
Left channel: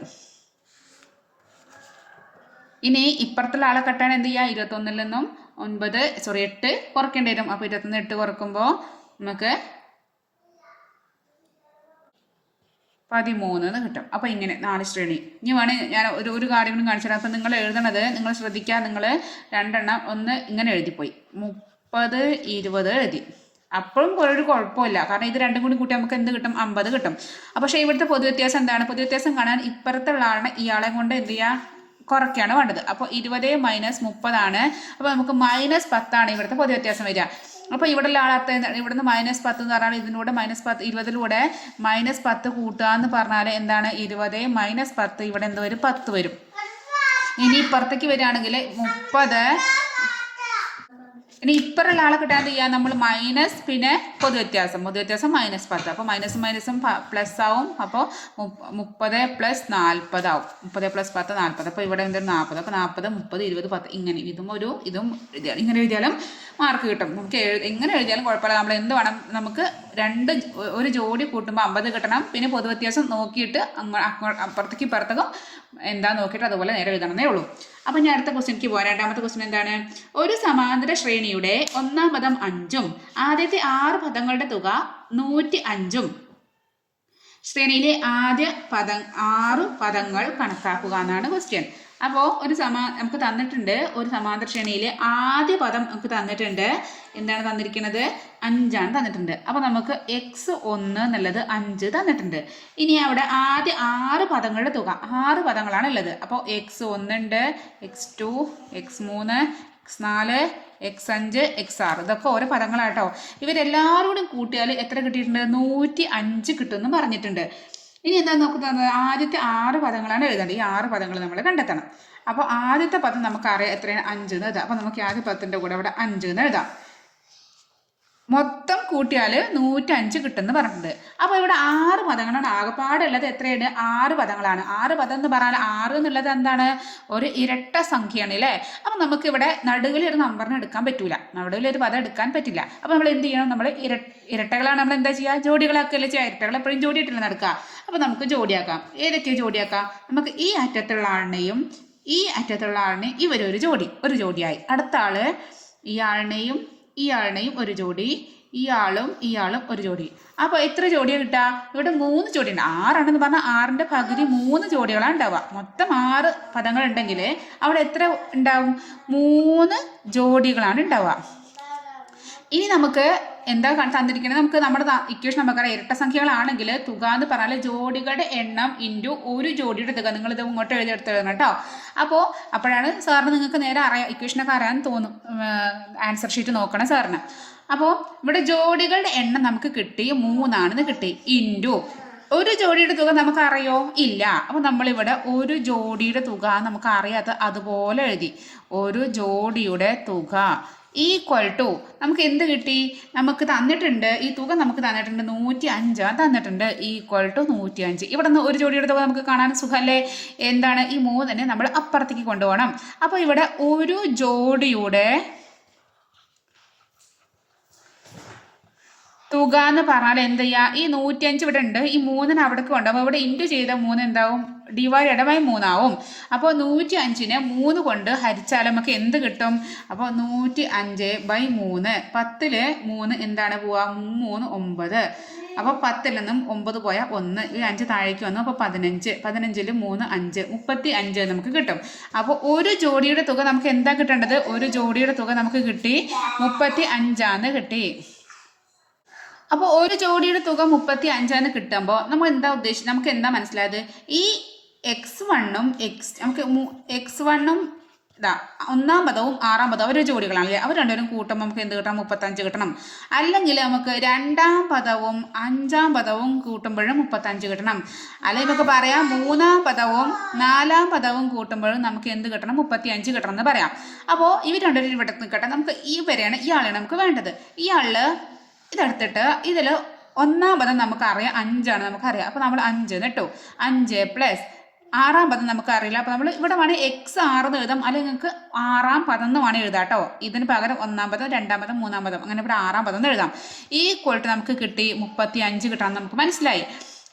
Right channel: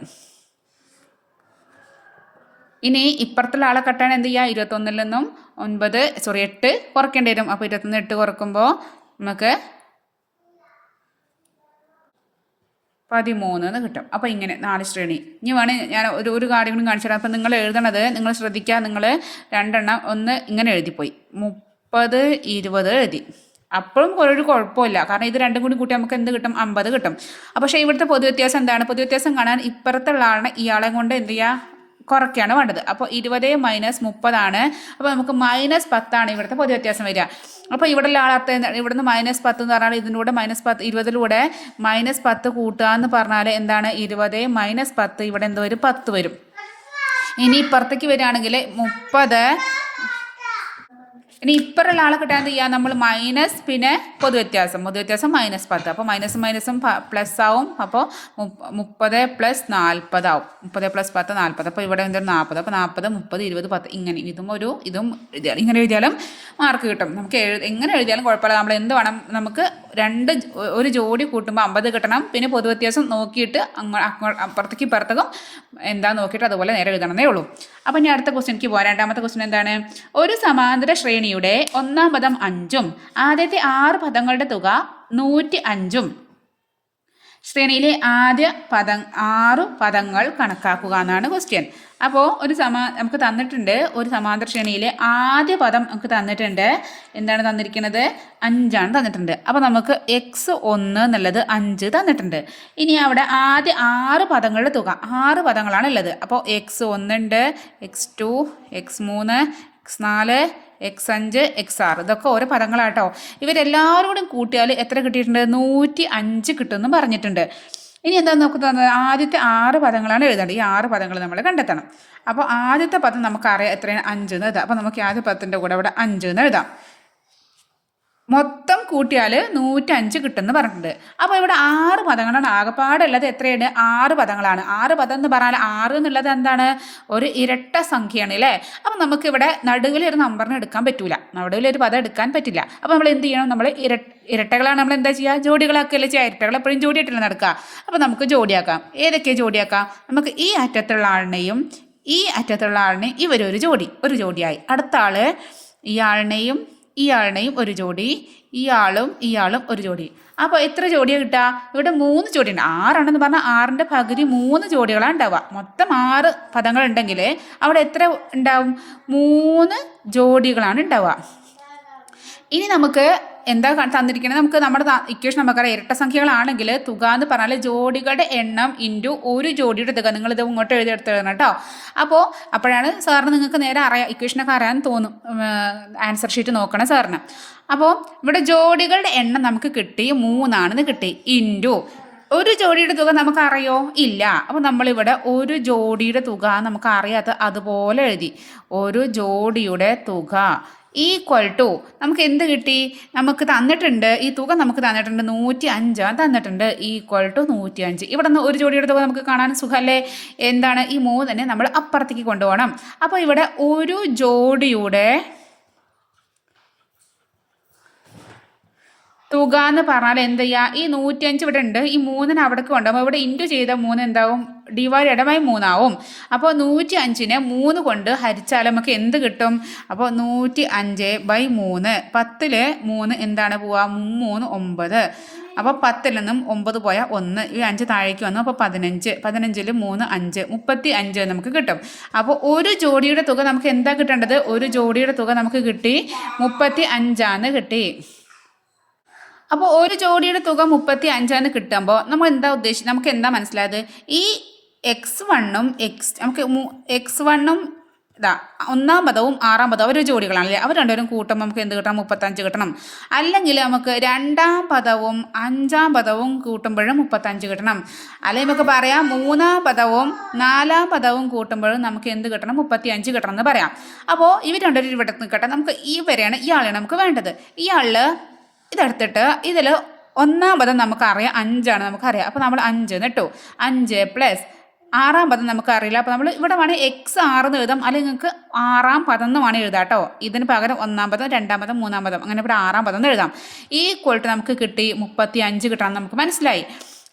ഇനി ഇപ്പുറത്തുള്ള ആളെ കട്ടാൻ എന്ത് ചെയ്യുക? 21 നിന്നും 8 കുറയ്ക്കേണ്ടി വരും. അപ്പോൾ 21 8 കുറക്കുമ്പോൾ നമുക്ക് 13 എന്ന് കിട്ടും. അപ്പോൾ ഇങ്ങനെ 4 ശ്രേണി. ഇനി വേണേൽ ഞാൻ ഒരു കാര്യം കൂടി കാണിച്ചു തരാം. അപ്പോൾ നിങ്ങൾ എഴുതണത് നിങ്ങൾ ശ്രദ്ധിക്കുക. നിങ്ങൾ 2 എണ്ണം ഒന്ന് ഇങ്ങനെ എഴുതിപ്പോയി, 30 20 എഴുതി. അപ്പോഴും ഒരു കുഴപ്പമില്ല, കാരണം ഇത് രണ്ടും കൂടി കൂട്ടി നമുക്ക് എന്ത് കിട്ടും? 50 കിട്ടും. പക്ഷേ ഇവിടുത്തെ പൊതു വ്യത്യാസം എന്താണ്? പൊതു വ്യത്യാസം കാണാൻ ഇപ്പുറത്തുള്ള ആളെ ഇയാളെ കൊണ്ട് എന്ത് ചെയ്യുക? കുറയ്ക്കാണ് വേണ്ടത്. അപ്പോൾ 20 - 30 ആണ്. അപ്പോൾ നമുക്ക് -10 ഇവിടുത്തെ പൊതു വ്യത്യാസം വരിക. അപ്പോൾ ഇവിടെയുള്ള ആളത്തെ ഇവിടുന്ന് -10 എന്ന് പറഞ്ഞാൽ ഇതിലൂടെ -10 20ലൂടെ -10 കൂട്ടുക എന്ന് പറഞ്ഞാൽ എന്താണ്? 20 - 10 ഇവിടെ എന്തോ ഒരു 10 വരും. ഇനി ഇപ്പുറത്തേക്ക് വരികയാണെങ്കിൽ 30. ഇനി ഇപ്പുറമുള്ള ആളെ കിട്ടാൻ എന്ത് ചെയ്യുക? നമ്മൾ മൈനസ് പിന്നെ പൊതു വ്യത്യാസം -10. അപ്പോൾ മൈനസും പ്ലസ് ആവും. അപ്പോൾ 30 + 40 ആവും. 30 + 10 40. അപ്പോൾ ഇവിടെ എന്തൊരു 40. അപ്പോൾ 40 30 20 10 ഇങ്ങനെ ഇതും എഴുതിയാൽ ഇങ്ങനെ എഴുതിയാലും മാർക്ക് കിട്ടും. നമുക്ക് എങ്ങനെ എഴുതിയാലും കുഴപ്പമില്ല. നമ്മൾ എന്ത് വേണം? നമുക്ക് ഒരു ജോഡി കൂട്ടുമ്പോൾ 50 കിട്ടണം. പിന്നെ പൊതു വ്യത്യാസം നോക്കിയിട്ട് അപ്പുറത്തേക്കും ഇപ്പുറത്തേക്കും എന്താ നോക്കിയിട്ട് അതുപോലെ നേരെ എഴുതണമെന്നേ ഉള്ളൂ. അപ്പോൾ ഞാൻ അടുത്ത ക്വസ്റ്റ്യനിക്ക് പോകാം. രണ്ടാമത്തെ ക്വസ്റ്റ്യൻ എന്താണ്? ഒരു സമാന്തര ശ്രേണിയുടെ ഒന്നാം പദം 5ഉം ആദ്യത്തെ 6 പദങ്ങളുടെ തുക 105ഉം ശ്രേണിയിലെ ആദ്യ 6 പദങ്ങൾ കണക്കാക്കുക എന്നാണ് ക്വസ്റ്റ്യൻ. അപ്പോൾ നമുക്ക് തന്നിട്ടുണ്ട് ഒരു സമാന്തര ശ്രേണിയിലെ ആദ്യ പദം നമുക്ക് തന്നിട്ടുണ്ട്. എന്താണ് തന്നിരിക്കുന്നത്? 5 തന്നിട്ടുണ്ട്. അപ്പോൾ നമുക്ക് x1 എന്നുള്ളത് 5 തന്നിട്ടുണ്ട്. ഇനി അവിടെ ആദ്യ 6 പദങ്ങളുടെ തുക 6 പദങ്ങളാണ് ഉള്ളത്. അപ്പോൾ x1 ഉണ്ട്, x2, x3, x4, x5, x6 ഇതൊക്കെ ഓരോ പദങ്ങളാട്ടോ. ഇവരെല്ലാവരും കൂടെ കൂട്ടിയാൽ എത്ര കിട്ടിയിട്ടുണ്ട്? 105 കിട്ടുമെന്ന് പറഞ്ഞിട്ടുണ്ട്. ഇനി എന്താ നോക്കുന്നത്? ആദ്യത്തെ 6 പദങ്ങളാണ് എഴുതേണ്ടത്. ഈ 6 പദങ്ങൾ നമ്മൾ കണ്ടെത്തണം. അപ്പോൾ ആദ്യത്തെ പദം നമുക്കറിയാം എത്രയാണ്? 5 എന്ന് എഴുതാം. അപ്പോൾ നമുക്ക് ആദ്യ പദത്തിൻ്റെ കൂടെ ഇവിടെ 5 എന്ന് എഴുതാം. മൊത്തം കൂട്ടിയാൽ 105 കിട്ടുമെന്ന് പറഞ്ഞിട്ടുണ്ട്. അപ്പോൾ ഇവിടെ 6 പദങ്ങളാണ് ആകെപ്പാടുള്ളത്. എത്രയാണ്? 6 പദങ്ങളാണ്. 6 പദം എന്ന് പറഞ്ഞാൽ 6 എന്നുള്ളത് എന്താണ്? ഒരു ഇരട്ട സംഖ്യയാണ് അല്ലേ? അപ്പോൾ നമുക്കിവിടെ നടുവിലൊരു നമ്പറിന് എടുക്കാൻ പറ്റില്ല, നടുവിലൊരു പദം എടുക്കാൻ പറ്റില്ല. അപ്പോൾ നമ്മൾ എന്ത് ചെയ്യണം? നമ്മൾ ഇരട്ടകളാണ് നമ്മൾ എന്താ ചെയ്യുക? ജോഡികളാക്കുകയല്ലേ ചെയ്യുക. ഇരട്ടകൾ എപ്പോഴും ജോഡിയായിട്ടില്ല നടക്കുക. അപ്പോൾ നമുക്ക് ജോഡിയാക്കാം. ഏതൊക്കെ ജോഡിയാക്കാം? നമുക്ക് ഈ അറ്റത്തുള്ള ആളിനെയും ഈ അറ്റത്തുള്ള ആളിനെയും ഇവരൊരു ജോഡിയായി. അടുത്ത ആൾ ഇയാളിനെയും ഒരു ജോഡി, ഇയാളും ഒരു ജോഡി. അപ്പോൾ എത്ര ജോഡിയാണ് കിട്ടുക? ഇവിടെ 3 ജോഡിയുണ്ട്. 6 പറഞ്ഞാൽ 6ന്റെ പകുതി 3 ജോഡികളാണ് ഉണ്ടാവുക. മൊത്തം 6 പദങ്ങൾ ഉണ്ടെങ്കിൽ അവിടെ എത്ര ഉണ്ടാവും? 3 ജോഡികളാണ് ഉണ്ടാവുക. ഇനി നമുക്ക് എന്താ തന്നിരിക്കുന്നത്? നമുക്ക് നമ്മുടെ ഇക്വേഷൻ നമുക്കറിയാം. ഇരട്ട സംഖ്യകളാണെങ്കിൽ തുക എന്ന് പറഞ്ഞാൽ ജോഡികളുടെ എണ്ണം ഇൻറ്റു ഒരു ജോഡിയുടെ തുക. നിങ്ങളിത് ഇങ്ങോട്ട് എഴുതണം കേട്ടോ. അപ്പോഴാണ് സാറിന് നിങ്ങൾക്ക് നേരെ അറിയാം, ഇക്വേഷനൊക്കെ അറിയാൻ തോന്നും. ആൻസർ ഷീറ്റ് നോക്കണം സാറിന്. അപ്പോൾ ഇവിടെ ജോഡികളുടെ എണ്ണം നമുക്ക് കിട്ടി 3 കിട്ടി. ഇൻറ്റു ഒരു ജോഡിയുടെ തുക നമുക്കറിയോ? ഇല്ല. അപ്പോൾ നമ്മളിവിടെ ഒരു ജോഡിയുടെ തുക നമുക്ക് അറിയാത്ത അതുപോലെ എഴുതി. ഒരു ജോഡിയുടെ തുക ഈക്വൽ ടു നമുക്ക് എന്ത് കിട്ടി? നമുക്ക് തന്നിട്ടുണ്ട്, ഈ തുക നമുക്ക് തന്നിട്ടുണ്ട് 105 തന്നിട്ടുണ്ട്. Equal to 105. ഇവിടെ നിന്ന് ഒരു ജോഡിയുടെ തുക നമുക്ക് കാണാൻ സുഖമല്ലേ? എന്താണ്? ഈ 3 നമ്മൾ അപ്പുറത്തേക്ക് കൊണ്ടുപോകണം. അപ്പോൾ ഇവിടെ ഒരു ജോഡിയുടെ തുക എന്ന് പറഞ്ഞാൽ എന്ത് ചെയ്യുക? ഈ 105 ഇവിടെ ഉണ്ട്, ഈ 3 അവിടേക്ക് കൊണ്ടുപോകും. ഇവിടെ ഇൻറ്റു ചെയ്ത 3 എന്താവും? ഡിവൈഡഡ് ബൈ 3 ആവും. അപ്പോൾ 105നെ 3 കൊണ്ട് ഹരിച്ചാൽ നമുക്ക് എന്ത് കിട്ടും? അപ്പോൾ 105/3. 10ൽ 3 എന്താണ് പോവുക? 3 9. അപ്പോൾ 10ൽ നിന്നും 9 പോയാൽ 1, ഈ 5 താഴേക്ക് വന്നു. അപ്പോൾ 15, 15ൽ 3 5, 35 നമുക്ക് കിട്ടും. അപ്പോൾ ഒരു ജോഡിയുടെ തുക നമുക്ക് എന്താ കിട്ടേണ്ടത്? ഒരു ജോഡിയുടെ തുക നമുക്ക് കിട്ടി 35 കിട്ടി. അപ്പോൾ ഒരു ജോഡിയുടെ തുക 35 കിട്ടുമ്പോൾ നമ്മൾ എന്താ ഉദ്ദേശിച്ചത്? നമുക്ക് എന്താ മനസ്സിലായത്? ഈ x1ഉം നമുക്ക് x1ഉം ഇതാ 1-ാം പദവും 6-ാം പദവും ഒരു ജോഡികളാണല്ലേ. അവർ രണ്ടുപേരും കൂട്ടുമ്പോൾ നമുക്ക് എന്ത് കിട്ടണം? 35 കിട്ടണം. അല്ലെങ്കിൽ നമുക്ക് 2-ാം പദവും 5-ാം പദവും കൂട്ടുമ്പോഴും 35 കിട്ടണം. അല്ലെങ്കിൽ നമുക്ക് പറയാം 3-ാം പദവും 4-ാം പദവും കൂട്ടുമ്പോഴും നമുക്ക് എന്ത് കിട്ടണം? 35 കിട്ടണം എന്ന് പറയാം. അപ്പോൾ ഇവർ രണ്ടുപേരും ഇവിടെ നിൽക്കട്ടെ. നമുക്ക് ഇയാളെയാണ് നമുക്ക് വേണ്ടത്. ഇയാളിൽ ഇതെടുത്തിട്ട് ഇതിൽ 1-ാം പദം നമുക്കറിയാം 5 നമുക്കറിയാം. അപ്പോൾ നമ്മൾ 5 കേട്ടോ. 5 പ്ലസ് 6-ാം പദം നമുക്കറിയില്ല. അപ്പോൾ നമ്മൾ ഇവിടെ വേണമെങ്കിൽ x6 എന്ന് എഴുതാം. അല്ലെങ്കിൽ നിങ്ങൾക്ക് 6-ാം പദം എന്ന് വേണമെങ്കിൽ എഴുതാം കേട്ടോ. ഇതിന് പകരം 1-ാം പദം 2-ാം പദം 3-ാം പദം അങ്ങനെ ഇവിടെ 6-ാം പദം എന്ന് എഴുതാം. ഈക്വൽ ടു നമുക്ക് കിട്ടി 35 കിട്ടാൻ നമുക്ക് മനസ്സിലായി.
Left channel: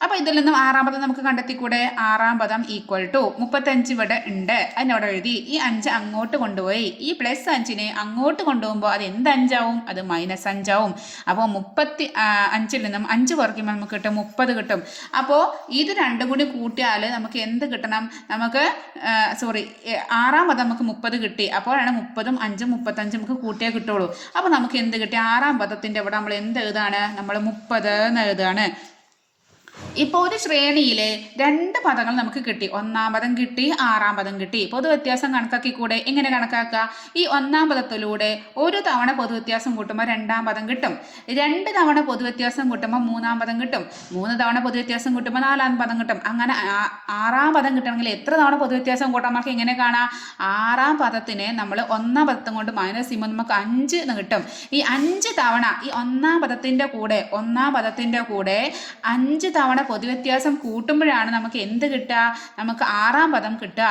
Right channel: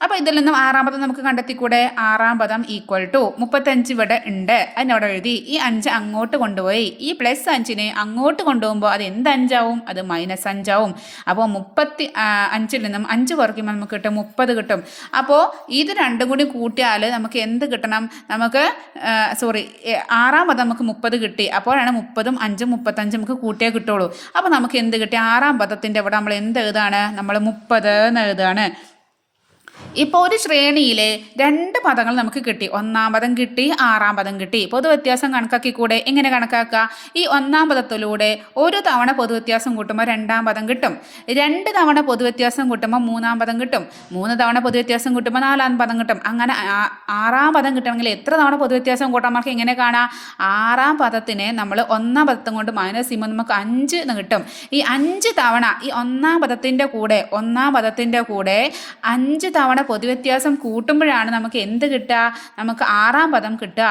അപ്പോൾ ഇതിൽ നിന്നും 6-ാം പദം നമുക്ക് കണ്ടെത്തിക്കൂടെ? 6-ാം പദം ഈക്വൽ ടു 35 ഇവിടെ ഉണ്ട്, അതിനവിടെ എഴുതി. ഈ 5 അങ്ങോട്ട് കൊണ്ടുപോയി. ഈ പ്ലസ് 5നെ അങ്ങോട്ട് കൊണ്ടുപോകുമ്പോൾ അത് എന്ത് 5 അത് -5 ആവും. അപ്പോൾ 35-ൽ നിന്നും 5 കുറയ്ക്കുമ്പോൾ നമുക്ക് കിട്ടും 30 കിട്ടും. അപ്പോൾ ഇത് രണ്ടും കൂടി കൂട്ടിയാൽ നമുക്ക് എന്ത് കിട്ടണം? നമുക്ക് 6-ാം പദം നമുക്ക് 30 കിട്ടി. അപ്പോഴാണ് 30ഉം 5ഉം 35 നമുക്ക് കൂട്ടിയേ കിട്ടുള്ളൂ. അപ്പോൾ നമുക്ക് എന്ത് കിട്ടി? 6-ാം പദത്തിൻ്റെ ഇവിടെ നമ്മൾ എന്ത് എഴുതാണ്? നമ്മൾ 30 എന്ന് എഴുതാണ്. ഇപ്പോൾ ഒരു ശ്രേണിയിലെ 2 പദങ്ങൾ നമുക്ക് കിട്ടി. 1-ാം പദം കിട്ടി, 6-ാം പദം കിട്ടി. പൊതുവ്യത്യാസം കണക്കാക്കിക്കൂടെ? എങ്ങനെ കണക്കാക്കുക? ഈ 1-ാം പദത്തിലൂടെ ഒരു തവണ പൊതുവ്യത്യാസം കൂട്ടുമ്പോൾ 2-ാം പദം കിട്ടും. 2 തവണ പൊതുവ്യത്യാസം കൂട്ടുമ്പോൾ 3-ാം പദം കിട്ടും. 3 തവണ പൊതുവ്യത്യാസം കൂട്ടുമ്പോൾ 4-ാം പദം കിട്ടും. അങ്ങനെ 6-ാം പദം കിട്ടണമെങ്കിൽ എത്ര തവണ പൊതുവ്യത്യാസം കൂട്ടാൻ നമുക്ക് എങ്ങനെ കാണാം? 6-ാം പദത്തിനെ നമ്മൾ 1-ാം പദത്തും കൊണ്ട് മൈനസ് ചെയ്യുമ്പോൾ നമുക്ക് 5 എന്ന് കിട്ടും. ഈ 5 തവണ ഈ 1-ാം പദത്തിൻ്റെ കൂടെ 5 തവണ പൊതുവ്യത്യാസം കൂട്ടുമ്പോഴാണ് നമുക്ക് എന്ത് കിട്ടുക? നമുക്ക് 6-ാം പദം കിട്ടുക.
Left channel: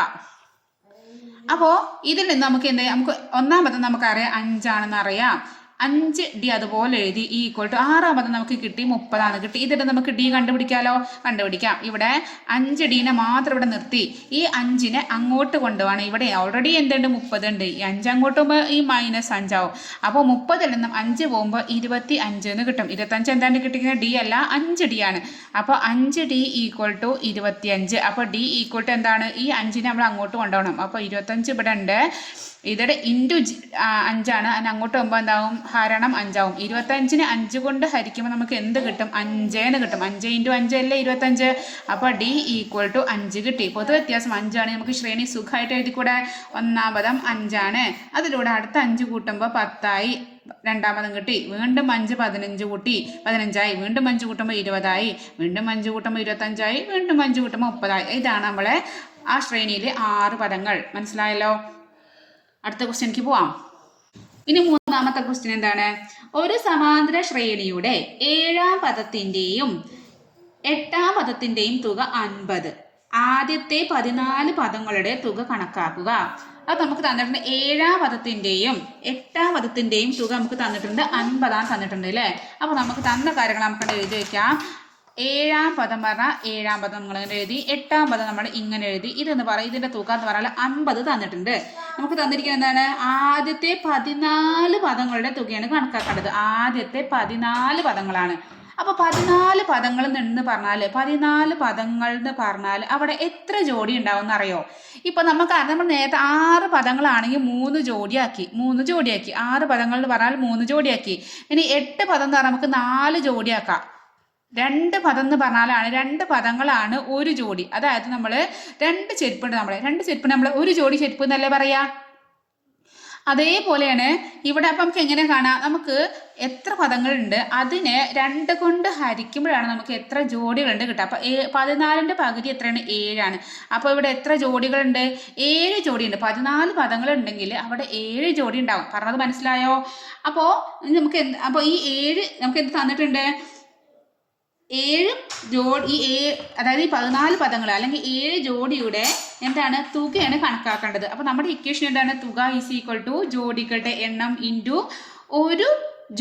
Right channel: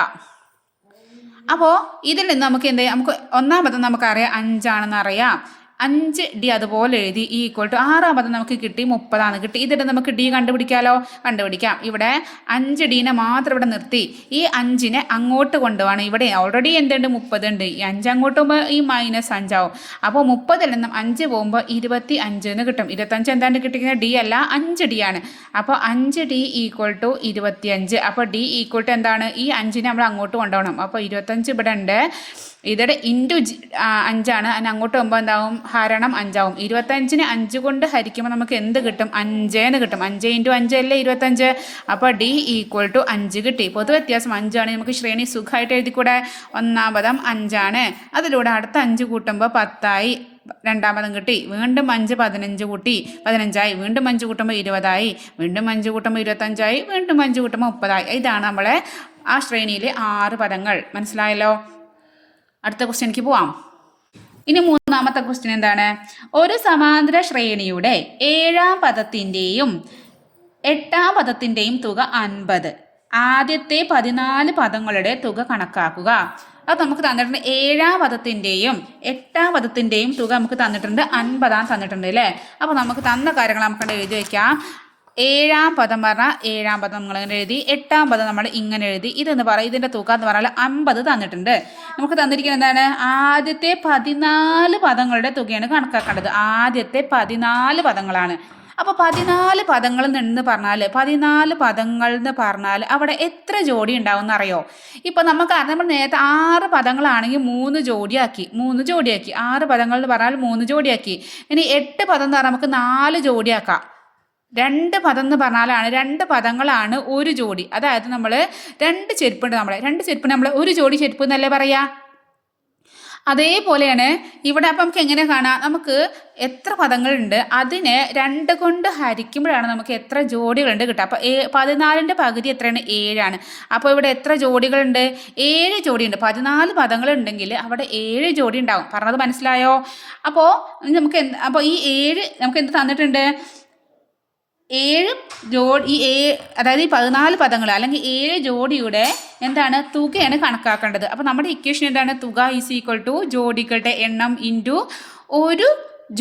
അപ്പോൾ ഇതിൽ നിന്ന് നമുക്ക് എന്ത് ചെയ്യാം? നമുക്ക് 1-ാം പദം നമുക്കറിയാം 5 അറിയാം. 5D അതുപോലെ എഴുതി. ഈക്വൽ ടു 6-ാം പദം നമുക്ക് കിട്ടി 30 കിട്ടി. ഇതിൽ നമുക്ക് D കണ്ടുപിടിക്കാം. ഇവിടെ 5Dനെ മാത്രം ഇവിടെ നിർത്തി. ഈ 5നെ അങ്ങോട്ട് കൊണ്ടുപോകണം. ഇവിടെ ഓൾറെഡി എന്തുണ്ട്? 30 ഉണ്ട്. ഈ 5 അങ്ങോട്ട് പോകുമ്പോൾ ഈ -5 ആവും. അപ്പോൾ 30-ൽ നിന്നും 5 പോകുമ്പോൾ 25 എന്ന് കിട്ടും. 25 എന്താണ് കിട്ടിക്കുന്നത്? D അല്ല 5D ആണ്. അപ്പോൾ 5D ഈക്വൽ ടു 25. അപ്പോൾ D ഈക്വൽ ടു എന്താണ്? ഈ 5നെ നമ്മൾ അങ്ങോട്ട് കൊണ്ടുപോകണം. അപ്പോൾ 25 ഇവിടെ ഉണ്ട്. ഇതിടെ ഇൻറ്റു 5 അതിന് അങ്ങോട്ട് പോകുമ്പോൾ എന്താവും? ഹരണം 5 ആവും. 25നെ 5 കൊണ്ട് ഹരിക്കുമ്പോൾ നമുക്ക് എന്ത് കിട്ടും? 5 എന്ന് കിട്ടും. 5 × 5 അല്ലേ 25. അപ്പോൾ D ഈക്വൽ ടു 5 കിട്ടി. പൊതുവ്യത്യാസം 5 ആണ്. നമുക്ക് ശ്രേണി സുഖമായിട്ട് എഴുതിക്കൂടെ? 1-ാം പദം 5 അതിലൂടെ അടുത്ത 5 കൂട്ടുമ്പോൾ 10 ആയി. 2-ാം പദം കിട്ടി. വീണ്ടും 5 15 കൂട്ടി 15 ആയി. വീണ്ടും 5 കൂട്ടുമ്പോൾ 20 ആയി. വീണ്ടും 5 കൂട്ടുമ്പോൾ 25 ആയി. വീണ്ടും 5 കൂട്ടുമ്പോൾ 30 ആയി. ഇതാണ് നമ്മളെ ആ ശ്രേണിയിലെ 6 പദങ്ങൾ. മനസ്സിലായല്ലോ? അടുത്ത ക്വസ്റ്റ്യനിലേക്ക് പോവാം. ഇനി 3-ാമത്തെ ക്വസ്റ്റ്യൻ എന്താണ്? ഒരു സമാന്തര ശ്രേണിയുടെ 7-ാം പദത്തിൻ്റെയും 8-ാം പദത്തിൻ്റെയും തുക 50. ആദ്യത്തെ 14 പദങ്ങളുടെ തുക കണക്കാക്കുക. അത് നമുക്ക് തന്നിട്ടുണ്ട്. 7-ാം പദത്തിൻ്റെയും 8-ാം പദത്തിൻ്റെയും തുക നമുക്ക് തന്നിട്ടുണ്ട്. 50 തന്നിട്ടുണ്ട് അല്ലേ? അപ്പോൾ നമുക്ക് തന്ന കാര്യങ്ങൾ നമുക്ക് എഴുതി വയ്ക്കാം. 7-ാം പദം പറഞ്ഞാൽ 7-ാം പദം നമ്മൾ ഇങ്ങനെ എഴുതി. 8-ാം പദം നമ്മൾ ഇങ്ങനെ എഴുതി. ഇതെന്ന് പറയാം, ഇതിൻ്റെ തുക എന്ന് പറഞ്ഞാൽ 50 തന്നിട്ടുണ്ട്. നമുക്ക് തന്നിരിക്കുന്നത് എന്താണ്? ആദ്യത്തെ 14 പദങ്ങളുടെ തുകയാണ് കണക്കാക്കേണ്ടത്. ആദ്യത്തെ 14 പദങ്ങളാണ്. അപ്പോൾ 14 പദങ്ങൾ എന്ന് പറഞ്ഞാൽ 14 പദങ്ങൾ എന്ന് പറഞ്ഞാൽ അവിടെ എത്ര ജോഡി ഉണ്ടാവും എന്നറിയോ? ഇപ്പോൾ നമ്മൾ നേരത്തെ 6 പദങ്ങളാണെങ്കിൽ 3 ജോഡിയാക്കി. 6 പദങ്ങൾ എന്ന് പറഞ്ഞാൽ 3 ജോഡിയാക്കി. ഇനി 8 പദം എന്ന് പറഞ്ഞാൽ നമുക്ക് 4 ജോഡിയാക്കാം. 2 പദം എന്ന് പറഞ്ഞാലാണ് 2 പദങ്ങളാണ് ഒരു ജോഡി. അതായത് നമ്മൾ 2 ചെരുപ്പുണ്ട്. 2 ചെരുപ്പിന് നമ്മൾ ഒരു ജോഡി ചെരുപ്പ് എന്നല്ലേ പറയാ? അതേപോലെയാണ് ഇവിടെ. അപ്പം നമുക്ക് എങ്ങനെ കാണാം? നമുക്ക് എത്ര പദങ്ങളുണ്ട് അതിനെ 2 കൊണ്ട് ഹരിക്കുമ്പോഴാണ് നമുക്ക് എത്ര ജോഡികളുണ്ട് കിട്ടുക. അപ്പോൾ 14ൻ്റെ പകുതി എത്രയാണ്? 7 അപ്പോൾ ഇവിടെ എത്ര ജോഡികളുണ്ട്? 7 ജോഡിയുണ്ട്. 14 പദങ്ങളുണ്ടെങ്കിൽ അവിടെ 7 ജോഡി ഉണ്ടാവും. പറഞ്ഞത് മനസ്സിലായോ? അപ്പോൾ അപ്പോൾ ഈ 7 നമുക്ക് എന്ത് തന്നിട്ടുണ്ട്? 7 ജോഡി. അതായത് ഈ 14 പദങ്ങൾ അല്ലെങ്കിൽ 7 ജോഡിയുടെ എന്താണ്? തുകയാണ് കണക്കാക്കേണ്ടത്. അപ്പോൾ നമ്മുടെ ഇക്വേഷൻ എന്താണ്? തുക ഈസ് ഈക്വൽ ടു ജോഡികളുടെ എണ്ണം ഇൻറ്റു ഒരു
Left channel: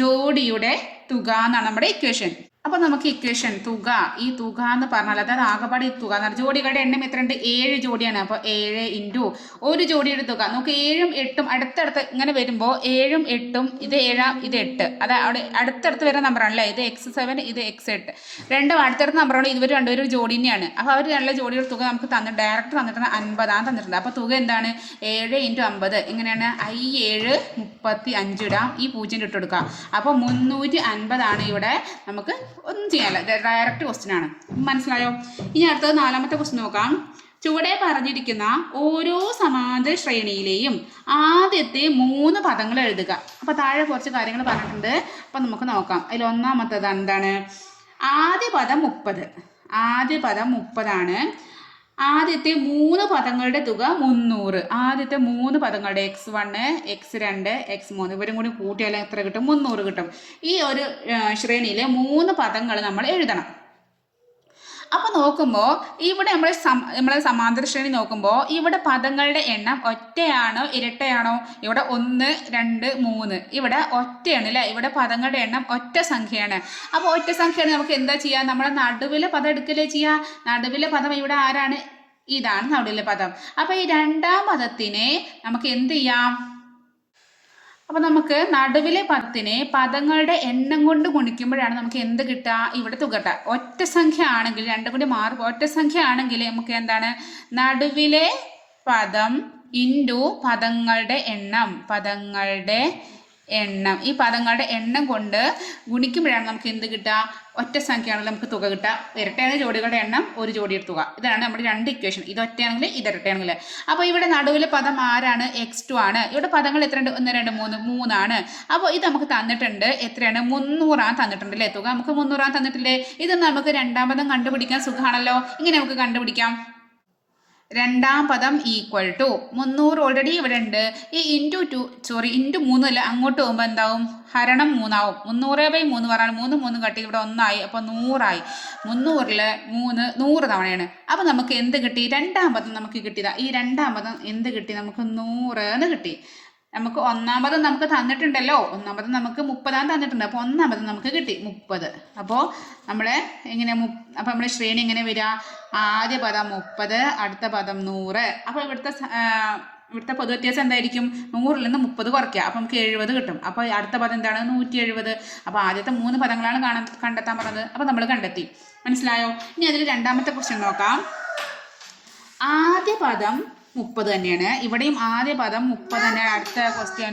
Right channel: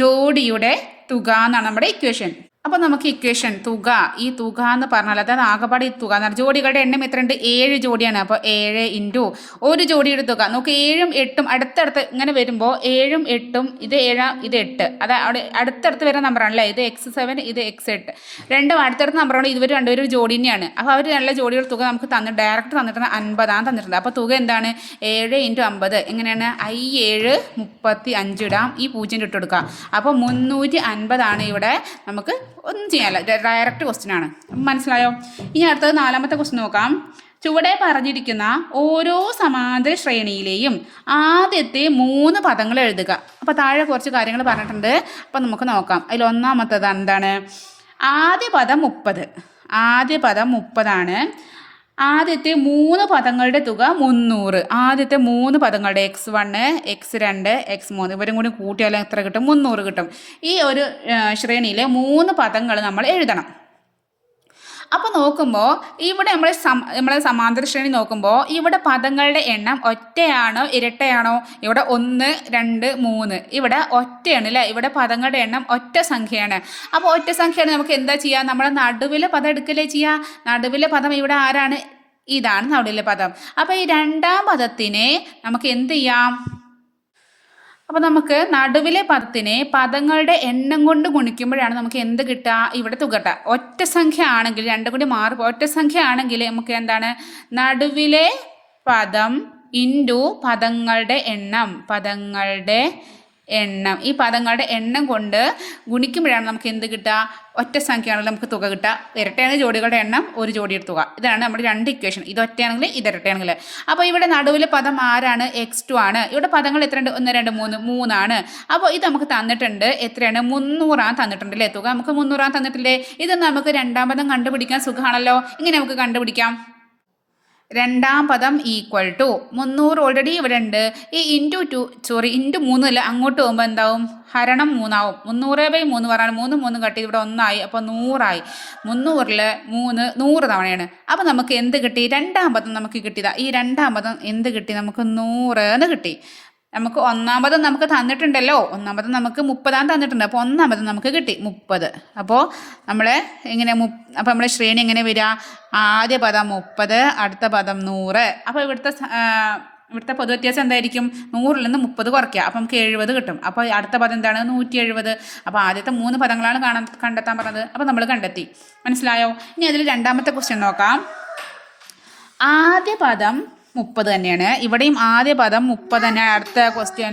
ജോഡിയുടെ തുക എന്നാണ് നമ്മുടെ ഇക്വേഷൻ. അപ്പോൾ നമുക്ക് ഇക്വേഷൻ തുക, ഈ തുക എന്ന് പറഞ്ഞാൽ അതായത് ആകെപ്പാട് ഈ തുക എന്ന് പറഞ്ഞാൽ ജോഡികളുടെ എണ്ണം എത്രയുണ്ട്? 7 ജോഡിയാണ്. അപ്പോൾ 7 ഇൻറ്റു ഒരു ജോഡിയുടെ തുക. നമുക്ക് 7ഉം 8ഉം അടുത്തടുത്ത് ഇങ്ങനെ വരുമ്പോൾ 7ഉം 8ഉം ഇത് 7 ഇത് 8. അത് അവിടെ അടുത്തടുത്ത് വരുന്ന നമ്പറാണല്ലേ. ഇത് x7 ഇത് x8. രണ്ടും അടുത്തടുത്ത നമ്പറാണ്. ഇതുവരെ രണ്ടുപേരും ഒരു ജോഡി തന്നെയാണ്. അപ്പോൾ അവർ നല്ല ജോഡിയുടെ തുക നമുക്ക് ഡയറക്റ്റ് തന്നിട്ടുണ്ട്. 50 തന്നിട്ടുണ്ട്. അപ്പോൾ തുക എന്താണ്? 7 × 50 എങ്ങനെയാണ്? I7 35 ഇടാം. ഈ 0 ഇട്ട് കൊടുക്കാം. അപ്പോൾ 350 ഇവിടെ. നമുക്ക് ഒന്നും ചെയ്യാനില്ല, ഡയറക്റ്റ് ക്വസ്റ്റ്യൻ ആണ്. മനസ്സിലായോ? ഇനി അടുത്തത് 4-ാമത്തെ ക്വസ്റ്റ്യൻ നോക്കാം. ചുവടെ പറഞ്ഞിരിക്കുന്ന ഓരോ സമാന്തര ശ്രേണിയിലെയും ആദ്യത്തെ 3 പദങ്ങൾ എഴുതുക. അപ്പോൾ താഴെ കുറച്ച് കാര്യങ്ങൾ പറഞ്ഞിട്ടുണ്ട്. അപ്പോൾ നമുക്ക് നോക്കാം. അതിൽ ഒന്നാമത്തേത് എന്താണ്? ആദ്യ പദം 30. ആദ്യ പദം 30ആണ്. ആദ്യത്തെ 3 പദങ്ങളുടെ തുക 300. ആദ്യത്തെ 3 പദങ്ങളുടെ x1, x2, x3 ഇവരും കൂടി കൂട്ടിയാൽ എത്ര കിട്ടും? 300 കിട്ടും. ഈ ഒരു ശ്രേണിയിലെ 3 പദങ്ങൾ നമ്മൾ എഴുതണം. അപ്പോൾ നോക്കുമ്പോൾ ഇവിടെ നമ്മളെ സമാന്തര ശ്രേണി നോക്കുമ്പോൾ ഇവിടെ പദങ്ങളുടെ എണ്ണം ഒറ്റയാണോ ഇരട്ടയാണോ? ഇവിടെ 1, 2, 3. ഇവിടെ ഒറ്റയാണ് അല്ലേ? ഇവിടെ പദങ്ങളുടെ എണ്ണം ഒറ്റ സംഖ്യയാണ്. അപ്പോൾ ഒറ്റ സംഖ്യയാണ് നമുക്ക് എന്താ ചെയ്യുക? നമ്മൾ നടുവിലെ പദം എടുക്കലേ ചെയ്യുക. നടുവിലെ പദം ഇവിടെ ആരാണ്? ഇതാണ് നടുവിലെ പദം. അപ്പോൾ ഈ രണ്ടാം പദത്തിനെ നമുക്ക് എന്ത് ചെയ്യാം? അപ്പോൾ നമുക്ക് നടുവിലെ പദത്തിനെ പദങ്ങളുടെ എണ്ണം കൊണ്ട് ഗുണിക്കുമ്പോഴാണ് നമുക്ക് എന്ത് കിട്ടുക? ഇവിടെ തുക കിട്ടുക. ഒറ്റ സംഖ്യ ആണെങ്കിൽ രണ്ടും കൂടി മാറി ഒറ്റ സംഖ്യ ആണെങ്കിൽ നമുക്ക് എന്താണ്? നടുവിലെ പദം ഇൻറ്റു പദങ്ങളുടെ എണ്ണം ഈ പദങ്ങളുടെ എണ്ണം കൊണ്ട് ഗുണിക്കുമ്പോഴാണ് നമുക്ക് എന്ത് കിട്ടുക? ഒറ്റ സംഖ്യയാണെങ്കിൽ നമുക്ക് തുക കിട്ടുക. ഇരട്ടയാണ് ജോഡികളുടെ എണ്ണം, ഒരു ജോഡിയുടെ തുക. ഇതാണ് നമ്മുടെ 2 ഇക്വേഷൻ. ഇത് ഒറ്റയാണെങ്കിൽ ഇത് ഇരട്ടയാണെങ്കിൽ. അപ്പോൾ ഇവിടെ നടുവിലെ പദം ആരാണ്? x2 ആണ്. ഇവിടെ പദങ്ങൾ എത്രയുണ്ട്? 1, 2, 3 3ആണ്. അപ്പോൾ ഇത് നമുക്ക് തന്നിട്ടുണ്ട്. എത്രയാണ്? 300 തന്നിട്ടുണ്ടല്ലേ തുക. നമുക്ക് 300 തന്നിട്ടില്ലേ? ഇത് നമുക്ക് രണ്ടാം പദം കണ്ടുപിടിക്കാൻ സുഖമാണല്ലോ. ഇങ്ങനെ നമുക്ക് കണ്ടുപിടിക്കാം. രണ്ടാം പദം ഈക്വൽ ടു 300 ഓൾറെഡി ഇവിടെ ഉണ്ട്. ഈ ഇൻറ്റു 3 അല്ല, അങ്ങോട്ട് പോകുമ്പോൾ എന്താവും? ഹരണം 3 ആവും. 300/3 പറഞ്ഞാൽ 3 കട്ടി ഇവിടെ 1 ആയി. അപ്പോൾ 100 ആയി. 300ൽ 3 100 തവണയാണ്. അപ്പോൾ നമുക്ക് എന്ത് കിട്ടി? രണ്ടാം പദം നമുക്ക് കിട്ടിയതാ. ഈ രണ്ടാം പദം എന്ത് കിട്ടി? നമുക്ക് 100 എന്ന് കിട്ടി. നമുക്ക് ഒന്നാം പദം നമുക്ക് തന്നിട്ടുണ്ടല്ലോ. ഒന്നാം പദം നമുക്ക് 30 തന്നിട്ടുണ്ട്. അപ്പോൾ ഒന്നാം പദം നമുക്ക് കിട്ടി 30. അപ്പോൾ നമ്മളെ എങ്ങനെ അപ്പോൾ നമ്മളെ ശ്രേണി എങ്ങനെ വരിക? ആദ്യ പദം 30, അടുത്ത പദം 100. അപ്പോൾ ഇവിടുത്തെ പൊതു വ്യത്യാസം എന്തായിരിക്കും? 100ൽ നിന്ന് 30 കുറയ്ക്കുക. അപ്പോൾ നമുക്ക് 70 കിട്ടും. അപ്പോൾ അടുത്ത പദം എന്താണ്? 170. അപ്പോൾ ആദ്യത്തെ 3 പദങ്ങളാണ് കണ്ടെത്താൻ പറഞ്ഞത്. അപ്പോൾ നമ്മൾ കണ്ടെത്തി. മനസ്സിലായോ? ഇനി അതിൽ രണ്ടാമത്തെ ക്വസ്റ്റ്യൻ നോക്കാം. ആദ്യ പദം 30 തന്നെയാണ്. ഇവിടെയും ആദ്യ പദം 30 തന്നെയാണ്. അടുത്ത ക്വസ്റ്റ്യൻ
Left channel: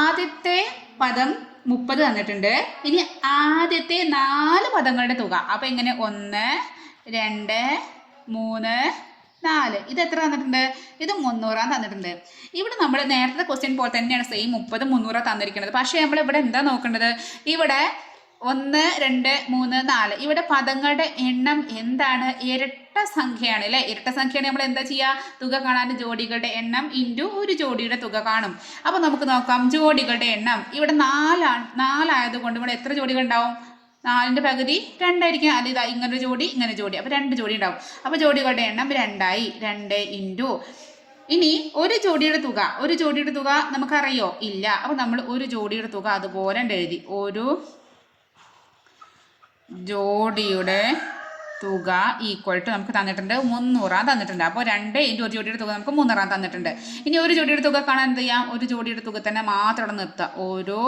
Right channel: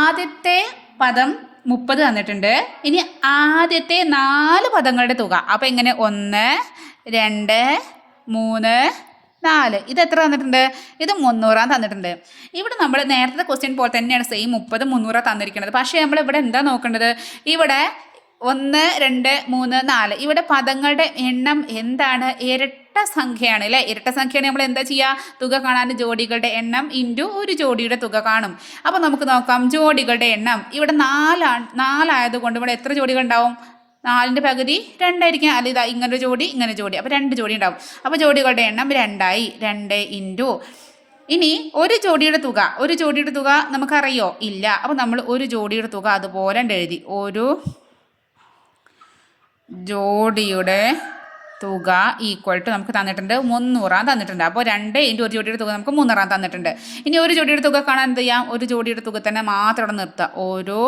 ആദ്യത്തെ പദം 30 തന്നിട്ടുണ്ട്. ഇനി ആദ്യത്തെ 4 പദങ്ങളുടെ തുക. അപ്പോൾ എങ്ങനെ? 1, 2, 3, 4. ഇത് എത്ര തന്നിട്ടുണ്ട്? ഇത് 300 തന്നിട്ടുണ്ട്. ഇവിടെ നമ്മൾ നേരത്തെ ക്വസ്റ്റ്യൻ പോലെ തന്നെയാണ് സെയിം 30, 300 തന്നിരിക്കുന്നത്. പക്ഷേ നമ്മൾ ഇവിടെ എന്താ നോക്കേണ്ടത്? ഇവിടെ 1, 2, 3, 4 ഇവിടെ പദങ്ങളുടെ എണ്ണം എന്താണ്? ഇരട്ട സംഖ്യയാണ് അല്ലേ? ഇരട്ട സംഖ്യയാണ്. നമ്മൾ എന്താ ചെയ്യുക? തുക കാണാൻ ജോഡികളുടെ എണ്ണം ഇൻറ്റു ഒരു ജോഡിയുടെ തുക കാണും. അപ്പോൾ നമുക്ക് നോക്കാം. ജോഡികളുടെ എണ്ണം ഇവിടെ 4 ആയതുകൊണ്ട് ഇവിടെ എത്ര ജോഡികൾ ഉണ്ടാവും? 4ൻ്റെ പകുതി 2 ആയിരിക്കും. അത് ഇതാ ഇങ്ങനെ ജോഡി ഇങ്ങനെ ജോഡി. അപ്പോൾ 2 ജോഡി ഉണ്ടാവും. അപ്പോൾ ജോഡികളുടെ എണ്ണം 2 ആയി. 2 ഇൻറ്റു ഇനി ഒരു ജോഡിയുടെ തുക നമുക്കറിയോ? ഇല്ല. അപ്പോൾ നമ്മൾ ഒരു ജോഡിയുടെ തുക അതുപോലെ എഴുതി. ഒരു ജോഡിയുടെ തുക ഈക്വൽ ടു നമുക്ക് തന്നിട്ടുണ്ട് 300 തന്നിട്ടുണ്ട്. അപ്പോൾ 2 ഇൻറ്റു ഒരു ജോഡിയുടെ തുക നമുക്ക് 300 തന്നിട്ടുണ്ട്. ഇനി ഒരു ജോഡിയുടെ തുക കാണാൻ എന്ത് ചെയ്യാം? ഒരു ജോഡിയുടെ തുക തന്നെ മാത്രം ഇവിടെ നിർത്തുക. ഓരോ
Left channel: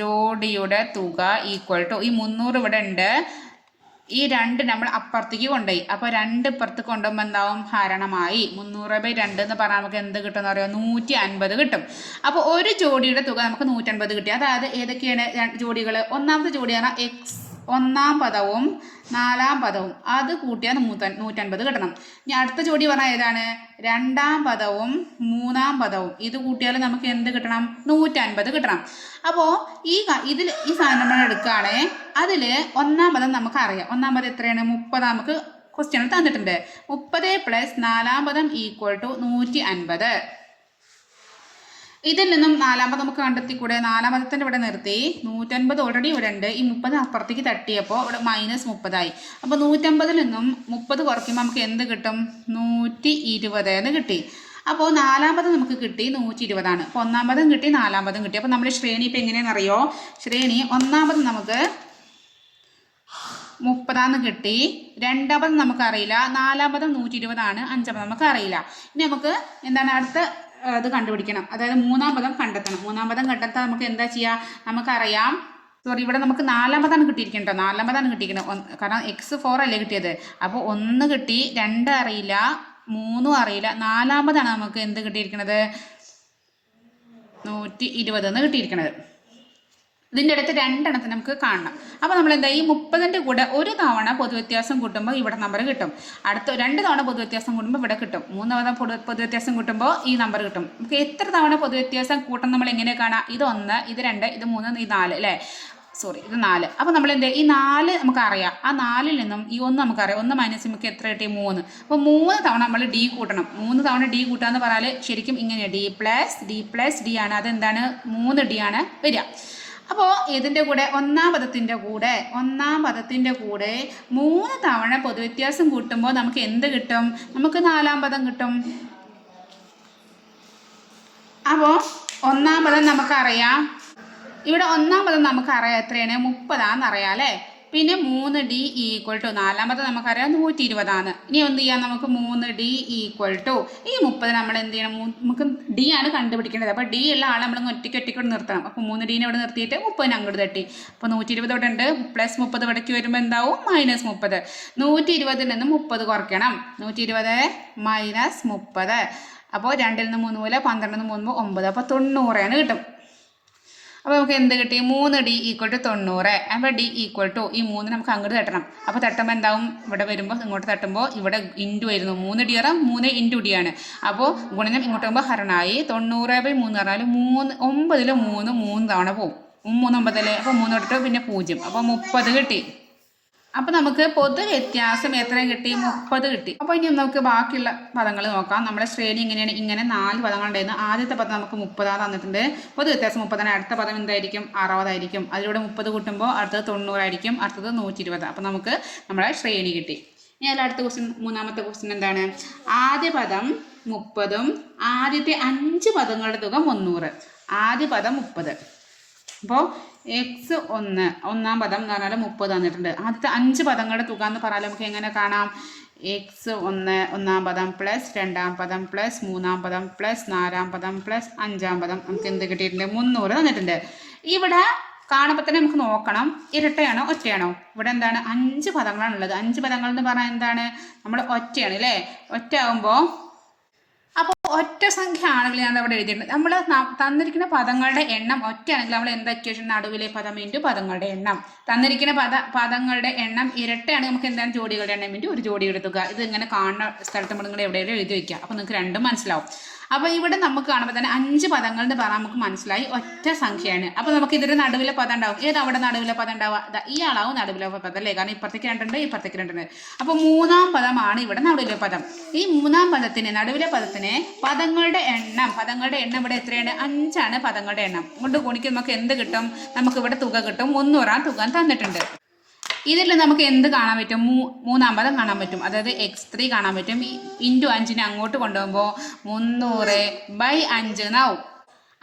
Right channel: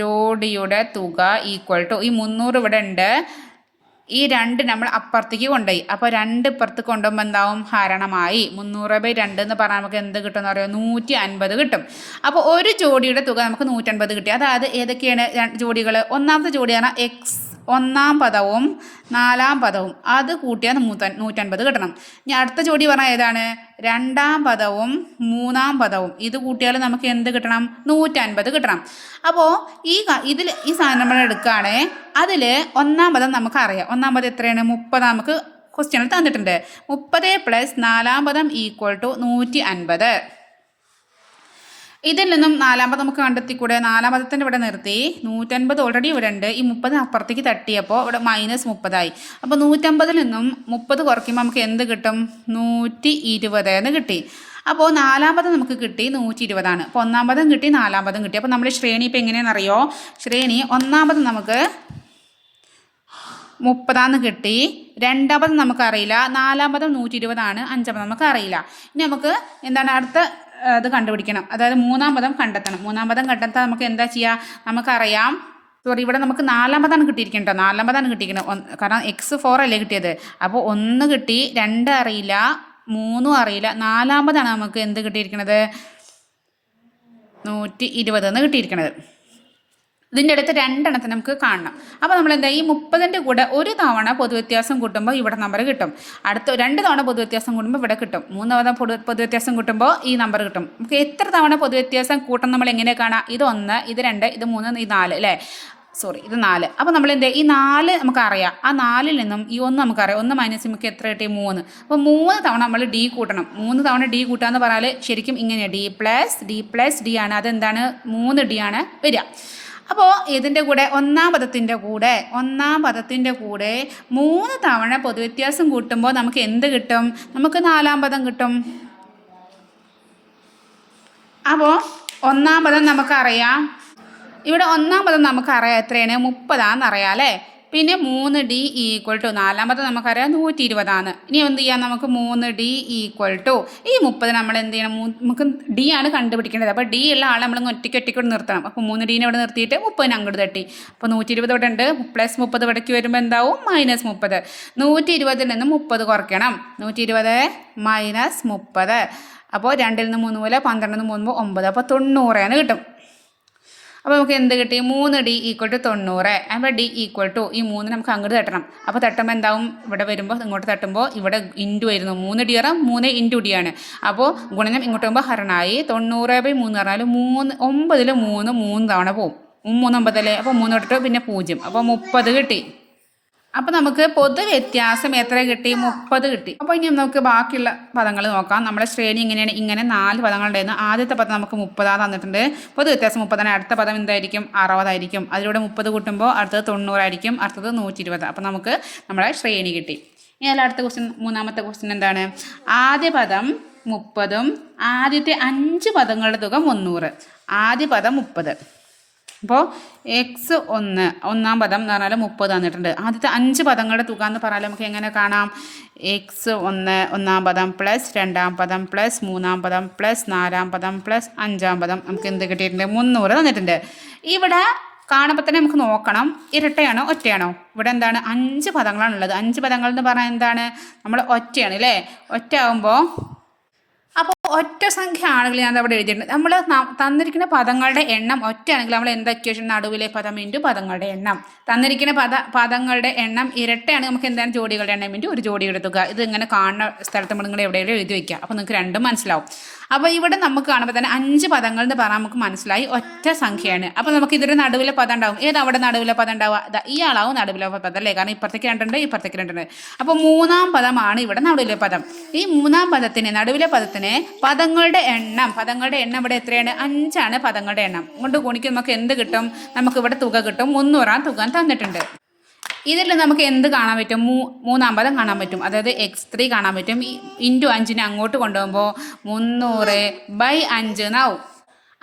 ജോഡിയുടെ തുക ഈക്വൽ ടു ഈ 300 ഇവിടെ ഉണ്ട്. ഈ 2 നമ്മൾ അപ്പുറത്തേക്ക് കൊണ്ടുപോയി. അപ്പോൾ 2 ഇപ്പുറത്ത് കൊണ്ടുപോകുമ്പോൾ എന്താവും? ഹരണമായി. 300/2 എന്ന് പറഞ്ഞാൽ നമുക്ക് എന്ത് കിട്ടുമെന്ന് പറയുക? 150 കിട്ടും. അപ്പോൾ ഒരു ജോഡിയുടെ തുക നമുക്ക് 150 കിട്ടി. അതായത് ഏതൊക്കെയാണ് ജോഡികൾ? ഒന്നാമത്തെ ജോഡിയാണ് ഒന്നാം പദവും 4ാം പദവും. അത് കൂട്ടിയാൽ 150 കിട്ടണം. ഇനി അടുത്ത ജോഡി പറഞ്ഞാൽ ഏതാണ്? രണ്ടാം പദവും 3ാം പദവും. ഇത് കൂട്ടിയാൽ നമുക്ക് എന്ത് കിട്ടണം? 150 കിട്ടണം. അപ്പോൾ ഈ സാധനം നമ്മൾ എടുക്കുകയാണ്. അതിൽ ഒന്നാം പദം നമുക്കറിയാം. ഒന്നാം പദം എത്രയാണ്? 30 നമുക്ക് ക്വസ്റ്റ്യനിൽ തന്നിട്ടുണ്ട്. 30 + 4ാം പദം ഈക്വൽ ടു 150. ഇതിൽ നിന്നും 4ാം പദം നമുക്ക് കണ്ടെത്തിക്കൂടെ? 4ാം പദത്തിൻ്റെ ഇവിടെ നിർത്തി. 150 ഓൾറെഡി ഇവിടെ ഉണ്ട്. ഈ 30 അപ്പുറത്തേക്ക് തട്ടിയപ്പോൾ ഇവിടെ -30 ആയി. അപ്പോൾ 150ൽ നിന്നും 30 കുറയ്ക്കുമ്പോൾ നമുക്ക് എന്ത് കിട്ടും? 120 എന്ന് കിട്ടി. അപ്പോൾ 4ാം പദം നമുക്ക് കിട്ടി 120 ആണ്. അപ്പോൾ ഒന്നാം പദം കിട്ടി, 4ാം പദം കിട്ടി. അപ്പോൾ നമ്മുടെ ശ്രേണി ഇപ്പോൾ എങ്ങനെയാണെന്നറിയോ? ശ്രേണി ഒന്നാം പദം നമുക്ക് 30 കിട്ടി. രണ്ടാം പദം നമുക്കറിയില്ല. 4ാം പദം 120 ആണ്. 5ാം പദം നമുക്കറിയില്ല. ഇനി നമുക്ക് എന്താണ് അടുത്ത അത് കണ്ടുപിടിക്കണം. അതായത് 3ാം പദം കണ്ടെത്തണം. 3ാം പദം കണ്ടെത്താൻ നമുക്ക് എന്താ ചെയ്യുക? നമുക്കറിയാം. ഇവിടെ നമുക്ക് 4ാം പദമാണ് കിട്ടിയിരിക്കുന്നത്. 4ാം പദമാണ് കിട്ടിയിരിക്കുന്നത്. കാരണം x4 അല്ലേ കിട്ടിയത്. അപ്പോൾ 1 കിട്ടി, 2 അറിയില്ല, 3 അറിയില്ല. 4ാം പദമാണ് നമുക്ക് എന്ത് കിട്ടിയിരിക്കുന്നത്? 120 എന്ന് കിട്ടിയിരിക്കുന്നത്. ഇതിൻ്റെ അടുത്ത് രണ്ടെണ്ണത്തിന് നമുക്ക് കാണണം. അപ്പോൾ നമ്മൾ എന്താ ഈ 30ൻ്റെ കൂടെ ഒരു തവണ പൊതുവ്യത്യാസം കൂട്ടുമ്പോൾ ഇവിടെ നമ്പർ കിട്ടും. അടുത്ത 2 തവണ പൊതുവ്യത്യാസം കൂട്ടുമ്പോൾ ഇവിടെ കിട്ടും. 3 തവണ പൊതുവ്യത്യാസം കൂട്ടുമ്പോൾ ഈ നമ്പർ കിട്ടും. നമുക്ക് എത്ര തവണ പൊതുവ്യത്യാസം കൂട്ടം നമ്മൾ എങ്ങനെ കാണാം? ഇത് 1, ഇത് 2, ഇത് 3, ഇത് 4 അല്ലേ? ഇത് 4. അപ്പോൾ നമ്മൾ എന്താ ഈ 4 നമുക്കറിയാം. ആ 4ൽ നിന്നും ഈ 1 നമുക്കറിയാം. 1 മൈനസ് നമുക്ക് എത്ര കിട്ടി? 3. അപ്പോൾ 3 തവണ നമ്മൾ ഡി കൂട്ടണം. 3 തവണ ഡി കൂട്ടുക എന്ന് പറഞ്ഞാൽ ശരിക്കും ഇങ്ങനെയാണ് ഡി ആണ്. അതെന്താണ്? 3D ആണ് വരിക. അപ്പോൾ ഇതിൻ്റെ കൂടെ ഒന്നാം പദത്തിൻ്റെ കൂടെ 3 തവണ പൊതുവ്യത്യാസം കൂട്ടുമ്പോൾ നമുക്ക് എന്ത് കിട്ടും? നമുക്ക് 4ാം പദം കിട്ടും. അപ്പോൾ ഒന്നാം പദം നമുക്കറിയാം. ഇവിടെ ഒന്നാം പദം നമുക്കറിയാം എത്രയാണ്? 30 അറിയാം അല്ലേ? പിന്നെ 3D = 4ാം പദം നമുക്കറിയാം 120. ഇനി എന്ത് ചെയ്യാം? നമുക്ക് 3D = ഈ 30 നമ്മൾ എന്ത് ചെയ്യണം? നമുക്ക് ഡി ആണ് കണ്ടുപിടിക്കേണ്ടത്. അപ്പോൾ ഡി ഉള്ള ആളെ നമ്മൾ ഒറ്റയ്ക്ക് നിർത്തണം. അപ്പോൾ 3D ഇവിടെ നിർത്തിയിട്ട് 30 അങ്ങോട്ട് തട്ടി. അപ്പോൾ 120 ഇവിടെ ഉണ്ട്. പ്ലസ് 30 ഇവിടേക്ക് വരുമ്പോൾ എന്താവും? -30. 120ൽ നിന്ന് 30 കുറയ്ക്കണം. 120 - 30. അപ്പോൾ 2ൽ നിന്ന് 3 പോലെ 12ൽ നിന്ന് 3 9. അപ്പോൾ 90 കിട്ടും. അപ്പോൾ നമുക്ക് എന്ത് കിട്ടി? 3D = 90. അപ്പോൾ D = ഈ 3 നമുക്ക് അങ്ങോട്ട് തട്ടണം. അപ്പോൾ തട്ടുമ്പോൾ എന്താവും? ഇവിടെ വരുമ്പോൾ ഇങ്ങോട്ട് തട്ടുമ്പോൾ ഇവിടെ ഇൻറ്റു വരുന്നു. 3D 3 × D ആണ്. അപ്പോൾ ഗുണനം ഇങ്ങോട്ട് വരുമ്പോൾ ഹരണമായി. 90/3 പറഞ്ഞാൽ 9ൽ 3 തവണ പോവും. 3 9 അല്ലേ? അപ്പോൾ 3 ഇട്ടിട്ട് പിന്നെ 0. അപ്പോൾ 30 കിട്ടി. അപ്പോൾ നമുക്ക് പൊതുവ്യത്യാസം എത്ര കിട്ടി? 30 കിട്ടി. അപ്പോൾ ഇനി നമുക്ക് ബാക്കിയുള്ള പദങ്ങൾ നോക്കാം. നമ്മുടെ ശ്രേണി ഇങ്ങനെയാണ്. ഇങ്ങനെ 4 പദങ്ങളുണ്ടായിരുന്നു. ആദ്യത്തെ പദം നമുക്ക് 30 തന്നിട്ടുണ്ട്. പൊതുവ്യത്യാസം 30. അടുത്ത പദം എന്തായിരിക്കും? 60 ആയിരിക്കും. അതിലൂടെ 30 കൂട്ടുമ്പോൾ അടുത്തത് 90 ആയിരിക്കും. അടുത്തത് 120. അപ്പോൾ നമുക്ക് നമ്മുടെ ശ്രേണി കിട്ടി. ഇനി അതിൽ അടുത്ത ക്വസ്റ്റ്യൻ, മൂന്നാമത്തെ ക്വസ്റ്റ്യൻ എന്താണ്? ആദ്യ പദം 30ഉം ആദ്യത്തെ 5 പദങ്ങളുടെ തുക 300. ആദ്യ പദം 30. അപ്പോൾ ഒന്നാം പദം എന്ന് പറഞ്ഞാൽ 30 തന്നിട്ടുണ്ട്. ആദ്യത്തെ 5 പദങ്ങളുടെ തുക എന്ന് പറഞ്ഞാൽ നമുക്ക് എങ്ങനെ കാണാം? ഒന്നാം പദം പ്ലസ് 2ാം പദം പ്ലസ് 3ാം പദം പ്ലസ് 4ാം പദം പ്ലസ് 5ാം പദം നമുക്ക് എന്ത് കിട്ടിയിട്ടുണ്ട്? 300 തന്നിട്ടുണ്ട്. ഇവിടെ കാണുമ്പോൾ തന്നെ നമുക്ക് നോക്കണം, ഇരട്ടയാണോ ഒറ്റയാണോ? ഇവിടെ എന്താണ്? 5 പദങ്ങളാണുള്ളത്. 5 പദങ്ങൾ എന്ന് പറഞ്ഞാൽ എന്താണ്? നമ്മൾ ഒറ്റയാണ് അല്ലേ? ഒറ്റ ആകുമ്പോൾ അപ്പോൾ ഒറ്റ സംഖ്യ ആണെങ്കിൽ ഞാൻ അവിടെ എഴുതിയിട്ടുണ്ട്. നമ്മൾ തന്നിരിക്കുന്ന പദങ്ങളുടെ എണ്ണം ഒറ്റയാണെങ്കിൽ നമ്മൾ എന്താ ഇക്വേഷൻ? നടുവിലെ പദം ഇൻറ്റു പദങ്ങളുടെ എണ്ണം. തന്നിരിക്കുന്ന പദങ്ങളുടെ എണ്ണം ഇരട്ടയാണ്. നമുക്ക് എന്താണ്? ജോഡികളുടെ എണ്ണം ഇൻറ്റു ഒരു ജോഡി എടുത്തുക. ഇത് ഇങ്ങനെ കാണുന്ന സ്ഥലത്ത് നമ്മൾ നിങ്ങൾ എവിടെയെങ്കിലും എഴുതി വയ്ക്കുക. അപ്പോൾ നിങ്ങൾക്ക് രണ്ടും മനസ്സിലാവും. അപ്പോൾ ഇവിടെ നമുക്ക് കാണുമ്പോൾ തന്നെ 5 പദങ്ങൾ എന്ന് പറഞ്ഞാൽ നമുക്ക് മനസ്സിലായി ഒറ്റ സംഖ്യയാണ്. അപ്പോൾ നമുക്ക് ഇതൊരു നടുവിലെ പദം ഉണ്ടാവും. അവിടെ നടുവിലെ പദം ഉണ്ടാവുക? ഇയാളാവും നടുവിലെ പദം അല്ലേ? കാരണം ഇപ്പുറത്തേക്ക് 2 ഉണ്ട്, ഇപ്പുറത്തേക്ക് 2 ഉണ്ട്. അപ്പോൾ 3ാം പദമാണ് ഇവിടെ നടുവിലെ പദം. ഈ 3ാം പദത്തിന്, നടുവിലെ പദത്തിന് പദങ്ങളുടെ എണ്ണം ഇവിടെ എത്രയാണ്? 5 ആണ് പദങ്ങളുടെ എണ്ണം. കൊണ്ട് ഗുണിക്ക് നമുക്ക് എന്ത് കിട്ടും? നമുക്ക് ഇവിടെ തുക കിട്ടും. 300 തുക തന്നിട്ടുണ്ട്. ഇതിൽ നമുക്ക് എന്ത് കാണാൻ പറ്റും? 3ാം പദം കാണാൻ പറ്റും. അതായത് x3 കാണാൻ പറ്റും. ഇൻറ്റു 5നെ അങ്ങോട്ട് കൊണ്ടുപോകുമ്പോൾ 300/5 എന്നാവും.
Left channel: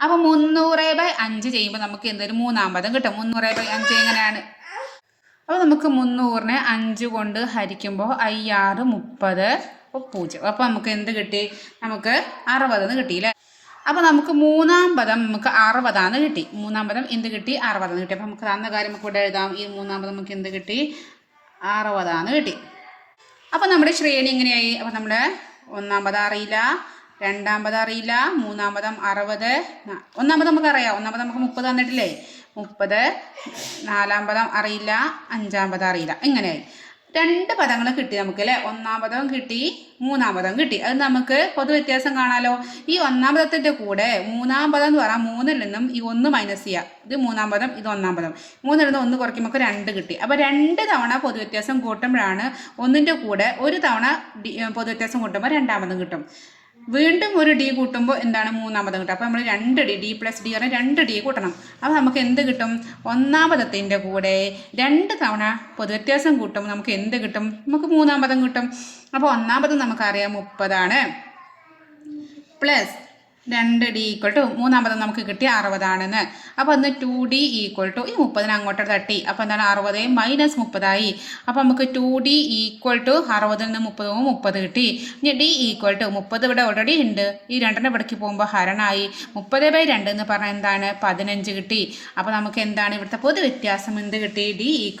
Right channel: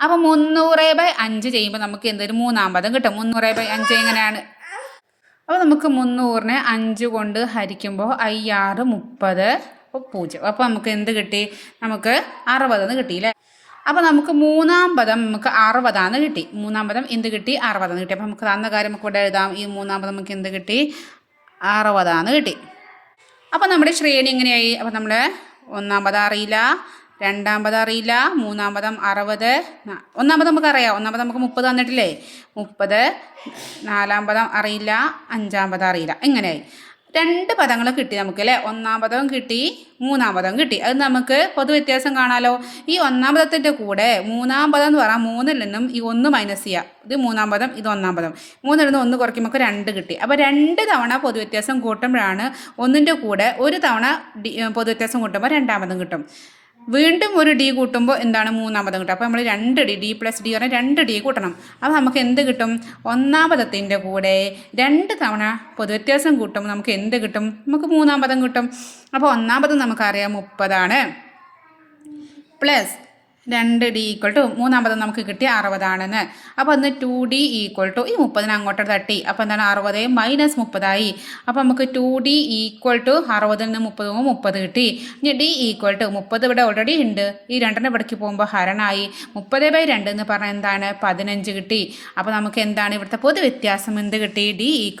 അപ്പോൾ 300/5 ചെയ്യുമ്പോൾ നമുക്ക് എന്തൊരു 3ാം പദം കിട്ടും. 300/5 എങ്ങനെയാണ്? അപ്പോൾ നമുക്ക് 300നെ 5 കൊണ്ട് ഹരിക്കുമ്പോൾ 5 6 30 0. അപ്പോൾ നമുക്ക് എന്ത് കിട്ടി? നമുക്ക് 60 കിട്ടിയില്ലേ? അപ്പോൾ നമുക്ക് 3ാം പദം നമുക്ക് 60 കിട്ടി. 3ാം പദം എന്ത് കിട്ടി? 60 കിട്ടി. അപ്പോൾ നമുക്ക് തന്ന കാര്യം നമുക്ക് ഇവിടെ എഴുതാം. ഈ 3ാം പദം നമുക്ക് എന്ത് കിട്ടി? 60 കിട്ടി. അപ്പോൾ നമ്മുടെ ശ്രേണി എങ്ങനെയായി? അപ്പോൾ നമ്മൾ 1ാം പദം അറിയില്ല, 2ാം പദം അറിയില്ല, 3ാം പദം 60, 1ാം പദം നമുക്കറിയാം. 1ാം പദം നമുക്ക് 30 തന്നിട്ടില്ലേ? 30. 4ാം പദം അറിയില്ല, 5ാം പദം അറിയില്ല. ഇങ്ങനെയായി 2 പദങ്ങൾ കിട്ടി നമുക്ക് അല്ലേ? 1ാം പദവും കിട്ടി, 3ാം പദം കിട്ടി. അത് നമുക്ക് പൊതുവ്യത്യാസം കാണാമല്ലോ. ഈ 1ാം പദത്തിൻ്റെ കൂടെ 3ാം പദം എന്ന് പറഞ്ഞാൽ 3ൽ നിന്നും ഈ 1 മൈനസ് ചെയ്യുക. ഇത് 3ാം പദം, ഇത് 1ാം പദം. 3ൽ നിന്ന് 1 കുറയ്ക്കുമ്പോൾ 2 കിട്ടി. അപ്പോൾ 2 തവണ പൊതുവ്യത്യാസം കൂട്ടുമ്പോഴാണ് 1ൻ്റെ കൂടെ 1 തവണ പൊതുവ്യത്യാസം കൂട്ടുമ്പോൾ 2ാം പദം കിട്ടും. വീണ്ടും ഒരു ഡി കൂട്ടുമ്പോൾ എന്താണ്? 3ാം പദം കിട്ടും. അപ്പോൾ നമ്മൾ 2D, D + D പറഞ്ഞാൽ 2D കൂട്ടണം. അപ്പോൾ നമുക്ക് എന്ത് കിട്ടും? 1ാം പദത്തിൻ്റെ കൂടെ 2 തവണ പൊതുവ്യത്യാസം കൂട്ടുമ്പോൾ നമുക്ക് എന്ത് കിട്ടും? നമുക്ക് 3ാം പദം കിട്ടും. അപ്പോൾ 1ാം പദം നമുക്കറിയാം 30 പ്ലസ് 2D = 3ാം പദം നമുക്ക് കിട്ടി 60 അപ്പോൾ അന്ന് 2D = ഈ 30നെ അങ്ങോട്ട് തട്ടി. അപ്പോൾ എന്താണ്? 60 - 30 അപ്പോൾ നമുക്ക് 2D = 60ൽ നിന്ന് 30 30 കിട്ടി. ഇനി D = 30 ഇവിടെ ഓൾറെഡി ഉണ്ട്. ഈ 2നെ ഇവിടേക്ക് പോകുമ്പോൾ ഹരണമായി. 30/2 എന്ന് പറഞ്ഞാൽ എന്താണ്? 15 കിട്ടി. അപ്പോൾ നമുക്ക് എന്താണ് ഇവിടുത്തെ പൊതുവ്യത്യാസം? എന്ത് കിട്ടി? D =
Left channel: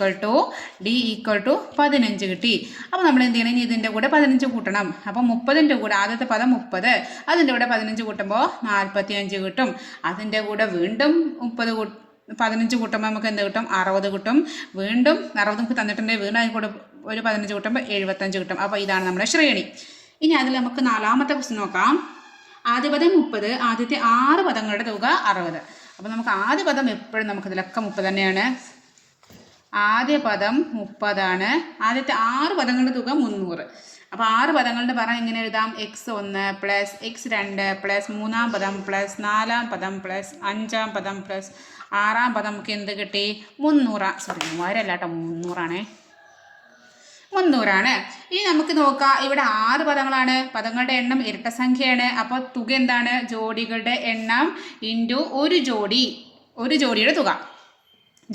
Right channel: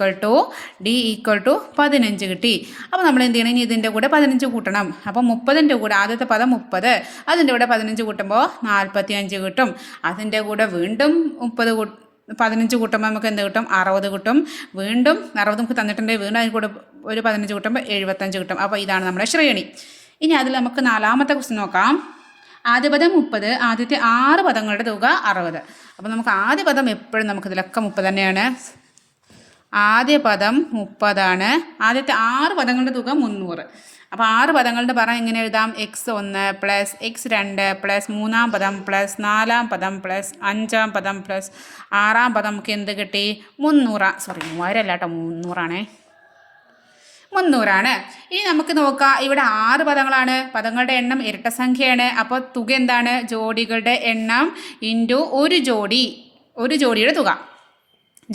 15 കിട്ടി. അപ്പോൾ നമ്മൾ എന്ത് ചെയ്യണം? ഇനി ഇതിൻ്റെ കൂടെ 15 കൂട്ടണം. അപ്പോൾ 30ൻ്റെ കൂടെ ആദ്യത്തെ പദം 30, അതിൻ്റെ കൂടെ 15 കൂട്ടുമ്പോൾ 45 കിട്ടും. അതിൻ്റെ കൂടെ വീണ്ടും 15 കൂട്ടുമ്പോൾ നമുക്ക് എന്ത് കിട്ടും? 60 കിട്ടും. വീണ്ടും 60 നമുക്ക് തന്നിട്ടുണ്ട്. വീണ്ടും അതിൽ കൂടെ ഒരു 15 കൂട്ടുമ്പോൾ 75 കിട്ടും. അപ്പോൾ ഇതാണ് നമ്മുടെ ശ്രേണി. ഇനി അതിൽ നമുക്ക് 4ാമത്തെ ക്വസ്റ്റ്യൻ നോക്കാം. ആദ്യ പദം 30, ആദ്യത്തെ 6 പദങ്ങളുടെ തുക 60. അപ്പോൾ നമുക്ക് ആദ്യ പദം എപ്പോഴും നമുക്കിതിലൊക്കെ 30 തന്നെയാണ്. ആദ്യ പദം 30 ആദ്യത്തെ 6 പദങ്ങളുടെ തുക 300. അപ്പോൾ 6 പദങ്ങളുടെ പറ എങ്ങനെ എഴുതാം? x1 പ്ലസ് x2 പ്ലസ് 3ാം പദം പ്ലസ് 4ാം പദം പ്ലസ് 5ാം പദം പ്ലസ് 6ാം പദം നമുക്ക് എന്ത് കിട്ടി? 300. സോറി 3000 അല്ല കേട്ടോ, 300 ആണ്. ഇനി നമുക്ക് നോക്കാം. ഇവിടെ 6 പദങ്ങളാണ്. പദങ്ങളുടെ എണ്ണം ഇരട്ട സംഖ്യയാണ്. അപ്പോൾ തുക എന്താണ്? ജോഡികളുടെ എണ്ണം ഇൻറ്റു ഒരു ജോഡിയുടെ തുക.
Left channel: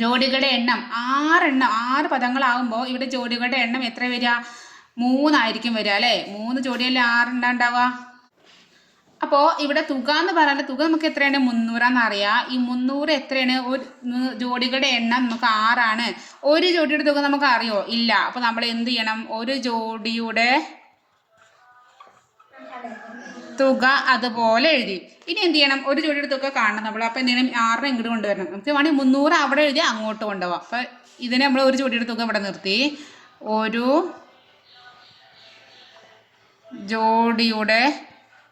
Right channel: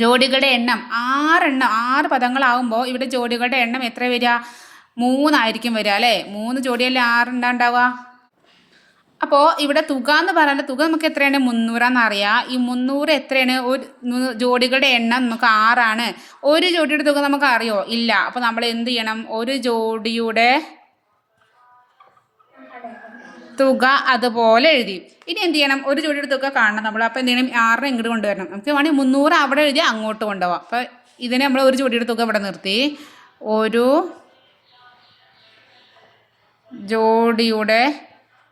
ജോഡികളുടെ എണ്ണം 6 പദങ്ങളാവുമ്പോൾ ഇവിടെ ജോഡികളുടെ എണ്ണം എത്ര വരിക? 3 ആയിരിക്കും വരിക അല്ലേ? 3 ജോഡിയല്ലേ 6 ഉണ്ടാവുക. അപ്പോൾ ഇവിടെ തുക എന്ന് പറയുന്നത് തുക നമുക്ക് എത്രയാണ്? 300 അറിയാം. ഈ 300 എത്രയാണ്? ഒരു ജോഡികളുടെ എണ്ണം നമുക്ക് 6 ഒരു ജോഡിയുടെ തുക നമുക്ക് അറിയോ? ഇല്ല. അപ്പോൾ നമ്മൾ എന്ത് ചെയ്യണം? ഒരു ജോഡിയുടെ തുക അതുപോലെ എഴുതി. ഇനി എന്ത് ചെയ്യണം? ഒരു ജോഡിയുടെ തുക കാണണം നമ്മൾ. അപ്പോൾ എന്ത് ചെയ്യണം? 6 ഇങ്ങോട്ട് കൊണ്ടുവരണം. നമുക്ക് വേണമെങ്കിൽ 300 അവിടെ എഴുതി അങ്ങോട്ട് കൊണ്ടുപോകാം. അപ്പോൾ ഇതിനെ നമ്മൾ ഒരു ജോഡിയുടെ തുക ഇവിടെ നിർത്തി. ഒരു ജോഡിയുടെ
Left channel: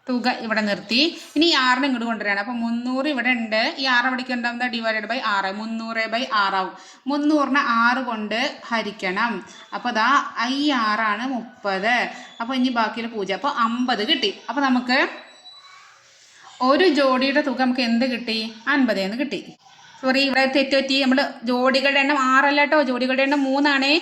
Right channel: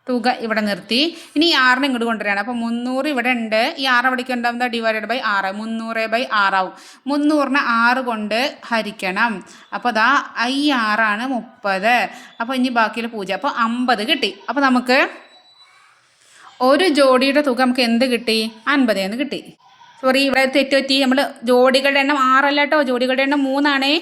തുക ഇവിടെ നിർത്തി. ഇനി 6 ഇങ്ങോട്ട് കൊണ്ടുവരികയാണ്. അപ്പോൾ 300 ഇവിടെ ഉണ്ട്. ഈ 6 എവിടേക്ക് ഉണ്ടാകുന്നത്? Divided by 6. 300/6 ആവും. 300നെ 6 കൊണ്ട് ഹരിക്കണം. അപ്പോൾ അതാ 6 30. അപ്പോൾ ഇനി ബാക്കിയുള്ള 0. അപ്പോൾ 50 കിട്ടി. അപ്പോൾ നമുക്ക് ഒരു ജോഡിയുടെ തുക നമുക്ക് എന്ത് കിട്ടി? 50 എന്ന് കിട്ടി. സോറി, ഇവിടെ തെറ്റുപറ്റി. നമ്മൾ ജോഡികളുടെ എണ്ണം 6 അല്ല കേട്ടോ, ജോഡികളുടെ എണ്ണം 3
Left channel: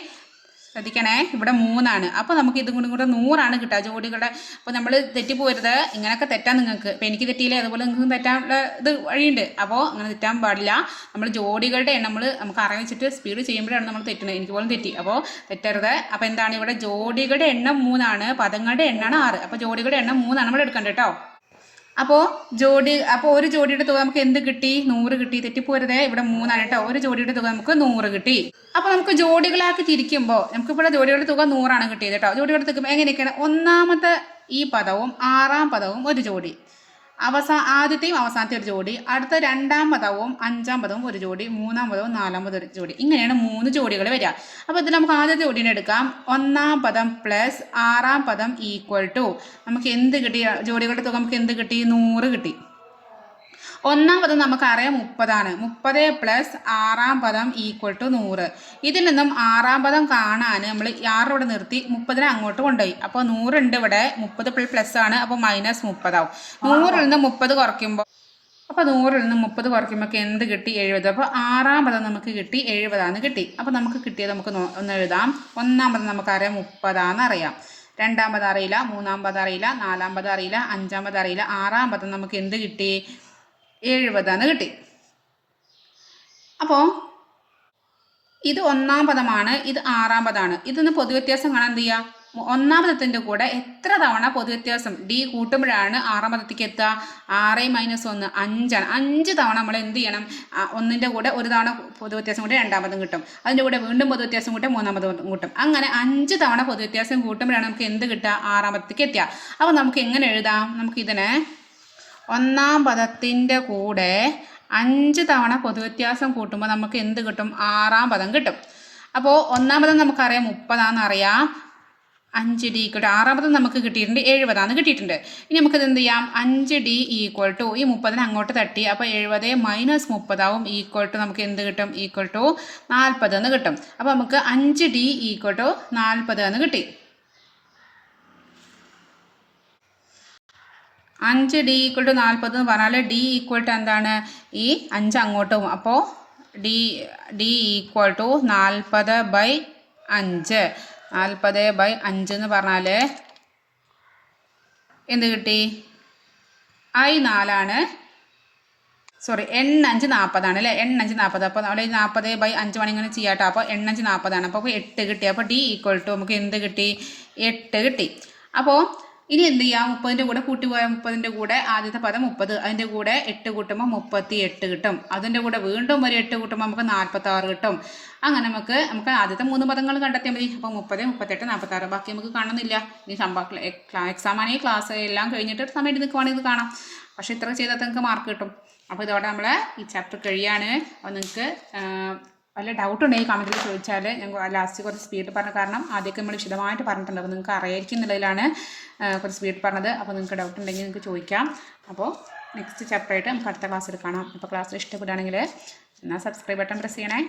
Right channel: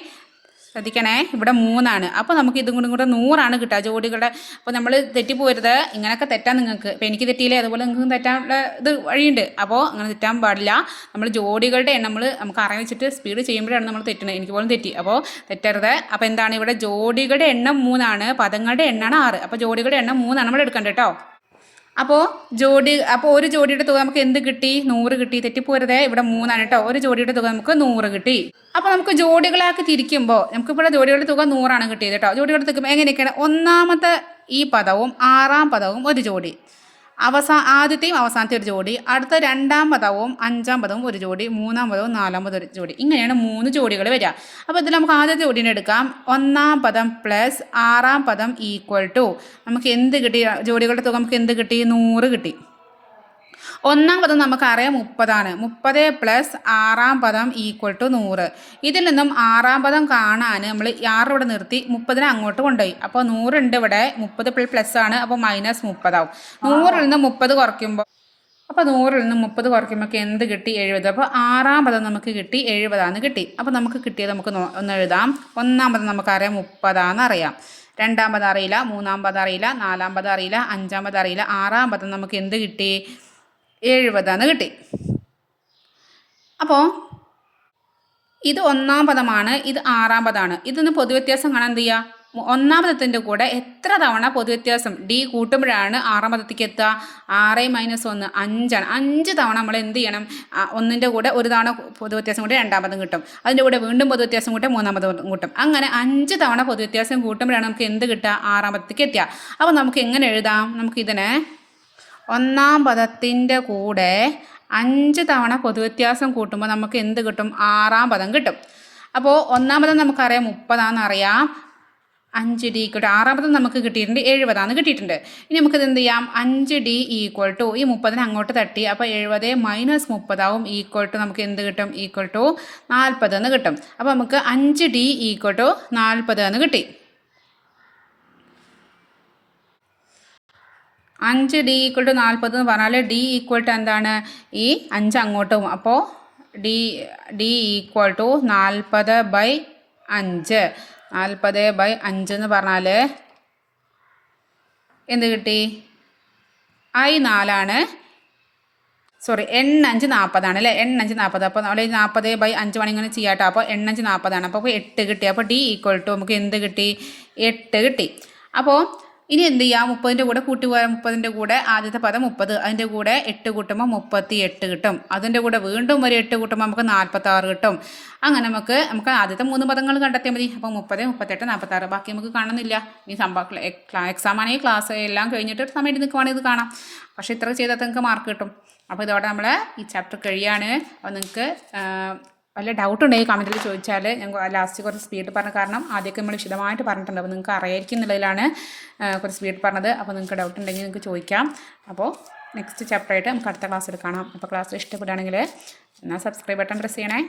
ശ്രദ്ധിക്കണേ. ഇവിടെ 3 അപ്പോൾ നമുക്ക് ഇതും കൂടെ 100 കിട്ടുക ജോഡികളുടെ. അപ്പോൾ നമ്മൾ തെറ്റിപ്പോരുത്. ഇങ്ങനെയൊക്കെ തെറ്റാൻ നിങ്ങൾക്ക്. ഇപ്പോൾ എനിക്ക് തെറ്റിയില്ലേ, അതുപോലെ നിങ്ങൾക്ക് തെറ്റാനുള്ള ഇത് വഴിയുണ്ട്. അപ്പോൾ അങ്ങനെ തെറ്റാൻ പാടില്ല. നമ്മൾ ജോഡികളുടെ എണ്ണം നമുക്ക് അറിയാൻ വെച്ചിട്ട് സ്പീഡ് ചെയ്യുമ്പോഴാണ് നമ്മൾ തെറ്റുന്നത്. എനിക്ക് പോലും തെറ്റി. അപ്പോൾ തെറ്റരുത്. അപ്പോൾ എന്താണ്? ഇവിടെ ജോഡികളുടെ എണ്ണം 3, പദങ്ങളുടെ എണ്ണമാണ് 6. അപ്പോൾ ജോഡികളുടെ എണ്ണം 3 നമ്മൾ എടുക്കേണ്ടത് കേട്ടോ. അപ്പോൾ ഒരു ജോഡിയുടെ തുക നമുക്ക് എന്ത് കിട്ടി? 100 കിട്ടി. തെറ്റിപ്പോരുതേ. ഇവിടെ 3 കേട്ടോ. ഒരു ജോഡിയുടെ തുക നമുക്ക് 100 കിട്ടി. അപ്പോൾ നമുക്ക് ജോഡികളാക്കി തിരിക്കുമ്പോൾ നമുക്കിവിടെ ജോഡിയുടെ തുക 100 കിട്ടിയത് കേട്ടോ. ജോഡിയുടെ തുക എങ്ങനെയൊക്കെയാണ്? ഒന്നാമത്തെ ഈ പദവും 6ാം പദവും ഒരു ജോഡി, ആദ്യത്തെയും അവസാനത്തെ ഒരു ജോഡി, അടുത്ത 2ാം പദവും 5ാം പദവും ഒരു ജോഡി, 3ാം പദവും 4ാം പദവും ഒരു ജോഡി. ഇങ്ങനെയാണ് 3 ജോഡികൾ വരിക. അപ്പോൾ ഇതിൽ നമുക്ക് ആദ്യത്തെ ജോഡിനെ എടുക്കാം. 1ാം പദം പ്ലസ് 6ാം പദം ഈക്വൽ ടു നമുക്ക് എന്ത് കിട്ടി? ജോഡികളുടെ തുക നമുക്ക് എന്ത് കിട്ടി? 100 കിട്ടി. 1ാം പദം നമുക്കറിയാം 30. 30 പ്ലസ് 6ാം പദം ഈക്വൽ ടു 100. ഇതിൽ നിന്നും 6ാം പദം കാണാൻ നമ്മൾ 6 ഇവിടെ നിർത്തി 30നെ അങ്ങോട്ട് കൊണ്ടുപോയി. അപ്പോൾ 100 ഉണ്ട് ഇവിടെ. 30 പ്ലസ് ആണ്. അപ്പോൾ -30 ആവും. 100ൽ നിന്ന് 30 കുറയ്ക്കുമ്പോൾ അപ്പോൾ 100ൽ നിന്ന് 30 കുറയ്ക്കുമ്പോൾ എന്ത് കിട്ടി? 70. അപ്പോൾ 6ാം പദം നമുക്ക് കിട്ടി 70 കിട്ടി. അപ്പോൾ നമുക്ക് കിട്ടിയത് നമുക്ക് ഒന്ന് എഴുതാം. 1ാം പദം നമുക്കറിയാം 30 അറിയാം. 2ാം പദം അറിയില്ല, 3ാം പദം അറിയില്ല, 4ാം പദം അറിയില്ല, 5ാം പദം അറിയില്ല. 6ാം പദം നമുക്ക് എന്ത് കിട്ടി? 70 കിട്ടി. അപ്പോൾ ഇത് 1ാം പദമാണ്, ഇത് 6ാം പദമാണ്. ഇതൊന്ന് പൊതുവ്യത്യാസം കാണാൻ എന്ത് ചെയ്യുക? 1ാം പദത്തിൻ്റെ കൂടെ എത്ര തവണ പൊതുവ്യത്യാസം ഡി കൂട്ടുമ്പോഴാണ് 6ാം പദത്തേക്ക് എത്തുക? 6 - 1 5 5 തവണ നമ്മൾ എന്ത് ചെയ്യണം? 1ൻ്റെ കൂടെ ഒരു തവണ പൊതുവ്യത്യാസം കൂട്ടി 2ാം പദം കിട്ടും. അതിൻ്റെ കൂടെ വീണ്ടും പൊതുവ്യത്യാസം കൂട്ടി 3ാം പദം കിട്ടും. അങ്ങനെ 5 തവണ പൊതുവ്യത്യാസം കൂട്ടുമ്പോഴാണ് നമുക്ക് എന്ത് കിട്ടുക? 6ാം പദത്തേക്ക് എത്തുക. അപ്പോൾ നമുക്ക് എങ്ങനെ എഴുതാം? നമുക്കിതിനെ 1ാം പദത്തിൻ്റെ കൂടെ 5 തവണ പൊതുവ്യത്യാസം കൂട്ടുമ്പോൾ നമുക്ക് എന്ത് കിട്ടും? 6ാം പദം കിട്ടും. അപ്പോൾ 1ാം പദം നമുക്കറിയാം 30 അറിയാം. 5D ഈക്വൽ ടു 6ാം പദം നമുക്ക് കിട്ടിയിട്ടുണ്ട് 70 കിട്ടിയിട്ടുണ്ട്. ഇനി നമുക്കിത് എന്ത് ചെയ്യാം? 5D ഈക്വൽ ടു ഈ 30നെ അങ്ങോട്ട് തട്ടി. അപ്പോൾ 70 - 30 ആവും. ഈക്വൽ ടു നമുക്ക് എന്ത് കിട്ടും? ഈക്വൽ ടു 40 എന്ന് കിട്ടും. അപ്പോൾ നമുക്ക് 5D ഈക്വൽ ടു 40 എന്ന് കിട്ടി. 5D ഈക്വൽ ടു 40 എന്ന് പറഞ്ഞാൽ D ഈക്വൽ ടു എന്താണ്? ഈ 5 അങ്ങോട്ട് പോകും. അപ്പോൾ D ഈക്വൽ ടു 40/5. 40/5 എന്ന് പറഞ്ഞാൽ എന്ത് കിട്ടി? I4 സോറി N5 40 അല്ലേ? N5 40. അപ്പോൾ നമ്മൾ 40/5 വേണം ഇങ്ങനെ ചെയ്യാം കേട്ടോ. അപ്പോൾ N5 40. അപ്പോൾ 8 കിട്ടി. അപ്പോൾ D ഈക്വൽ ടു നമുക്ക് എന്ത് കിട്ടി? 8 കിട്ടി. അപ്പോൾ ഇനി എന്ത് ചെയ്യാം, 30ൻ്റെ കൂടെ കൂട്ടി പോയാൽ 30ൻ്റെ കൂടെ ആദ്യത്തെ പദം 30, അതിൻ്റെ കൂടെ 8 കൂട്ടുമ്പോൾ 38 കിട്ടും. അതിൻ്റെ കൂടെ വീണ്ടും ഒരു 8 കൂട്ടുമ്പോൾ നമുക്ക് 46 കിട്ടും. അങ്ങനെ നമുക്ക് ആദ്യത്തെ 3 പദങ്ങൾ കണ്ടെത്തിയാൽ മതി. അപ്പോൾ 30, 38, 46 ബാക്കി നമുക്ക് കാണുന്നില്ല. ഇനി എക്സാം ആണെങ്കിൽ ക്ലാസ് എല്ലാം കഴിഞ്ഞിട്ട് സമയത്ത് നിൽക്കുവാണെങ്കിൽ ഇത് കാണാം. പക്ഷേ ഇത്ര ചെയ്താൽ നിങ്ങൾക്ക് മാർക്ക് കിട്ടും. അപ്പോൾ ഇതോടെ നമ്മൾ ഈ ചാപ്റ്റർ കഴിയാണ്. അപ്പോൾ നിങ്ങൾക്ക് വല്ല ഡൗട്ട് ഉണ്ടെങ്കിൽ കമൻറ്റിൽ ചോദിച്ചാൽ ഞങ്ങൾ ലാസ്റ്റ് കുറച്ച് സ്പീഡ് പറഞ്ഞ കാരണം ആദ്യമൊക്കെ നമ്മൾ വിശദമായിട്ട് പറഞ്ഞിട്ടുണ്ട്. അപ്പോൾ നിങ്ങൾക്ക് അറിയായിരിക്കും എന്നുള്ളതിലാണ് കുറച്ച് സ്പീഡ് പറഞ്ഞത്. അപ്പോൾ നിങ്ങൾക്ക് ഡൗട്ട് ഉണ്ടെങ്കിൽ നിങ്ങൾക്ക് ചോദിക്കാം. അപ്പോൾ നെക്സ്റ്റ് ചാപ്റ്ററായിട്ട് നമുക്ക് അടുത്ത ക്ലാസ്സിൽ കാണാം. അപ്പോൾ ക്ലാസ് ഇഷ്ടപ്പെടുകയാണെങ്കിൽ എന്നാൽ സബ്സ്ക്രൈബ് ബട്ടൺ പ്രസ് ചെയ്യണേ.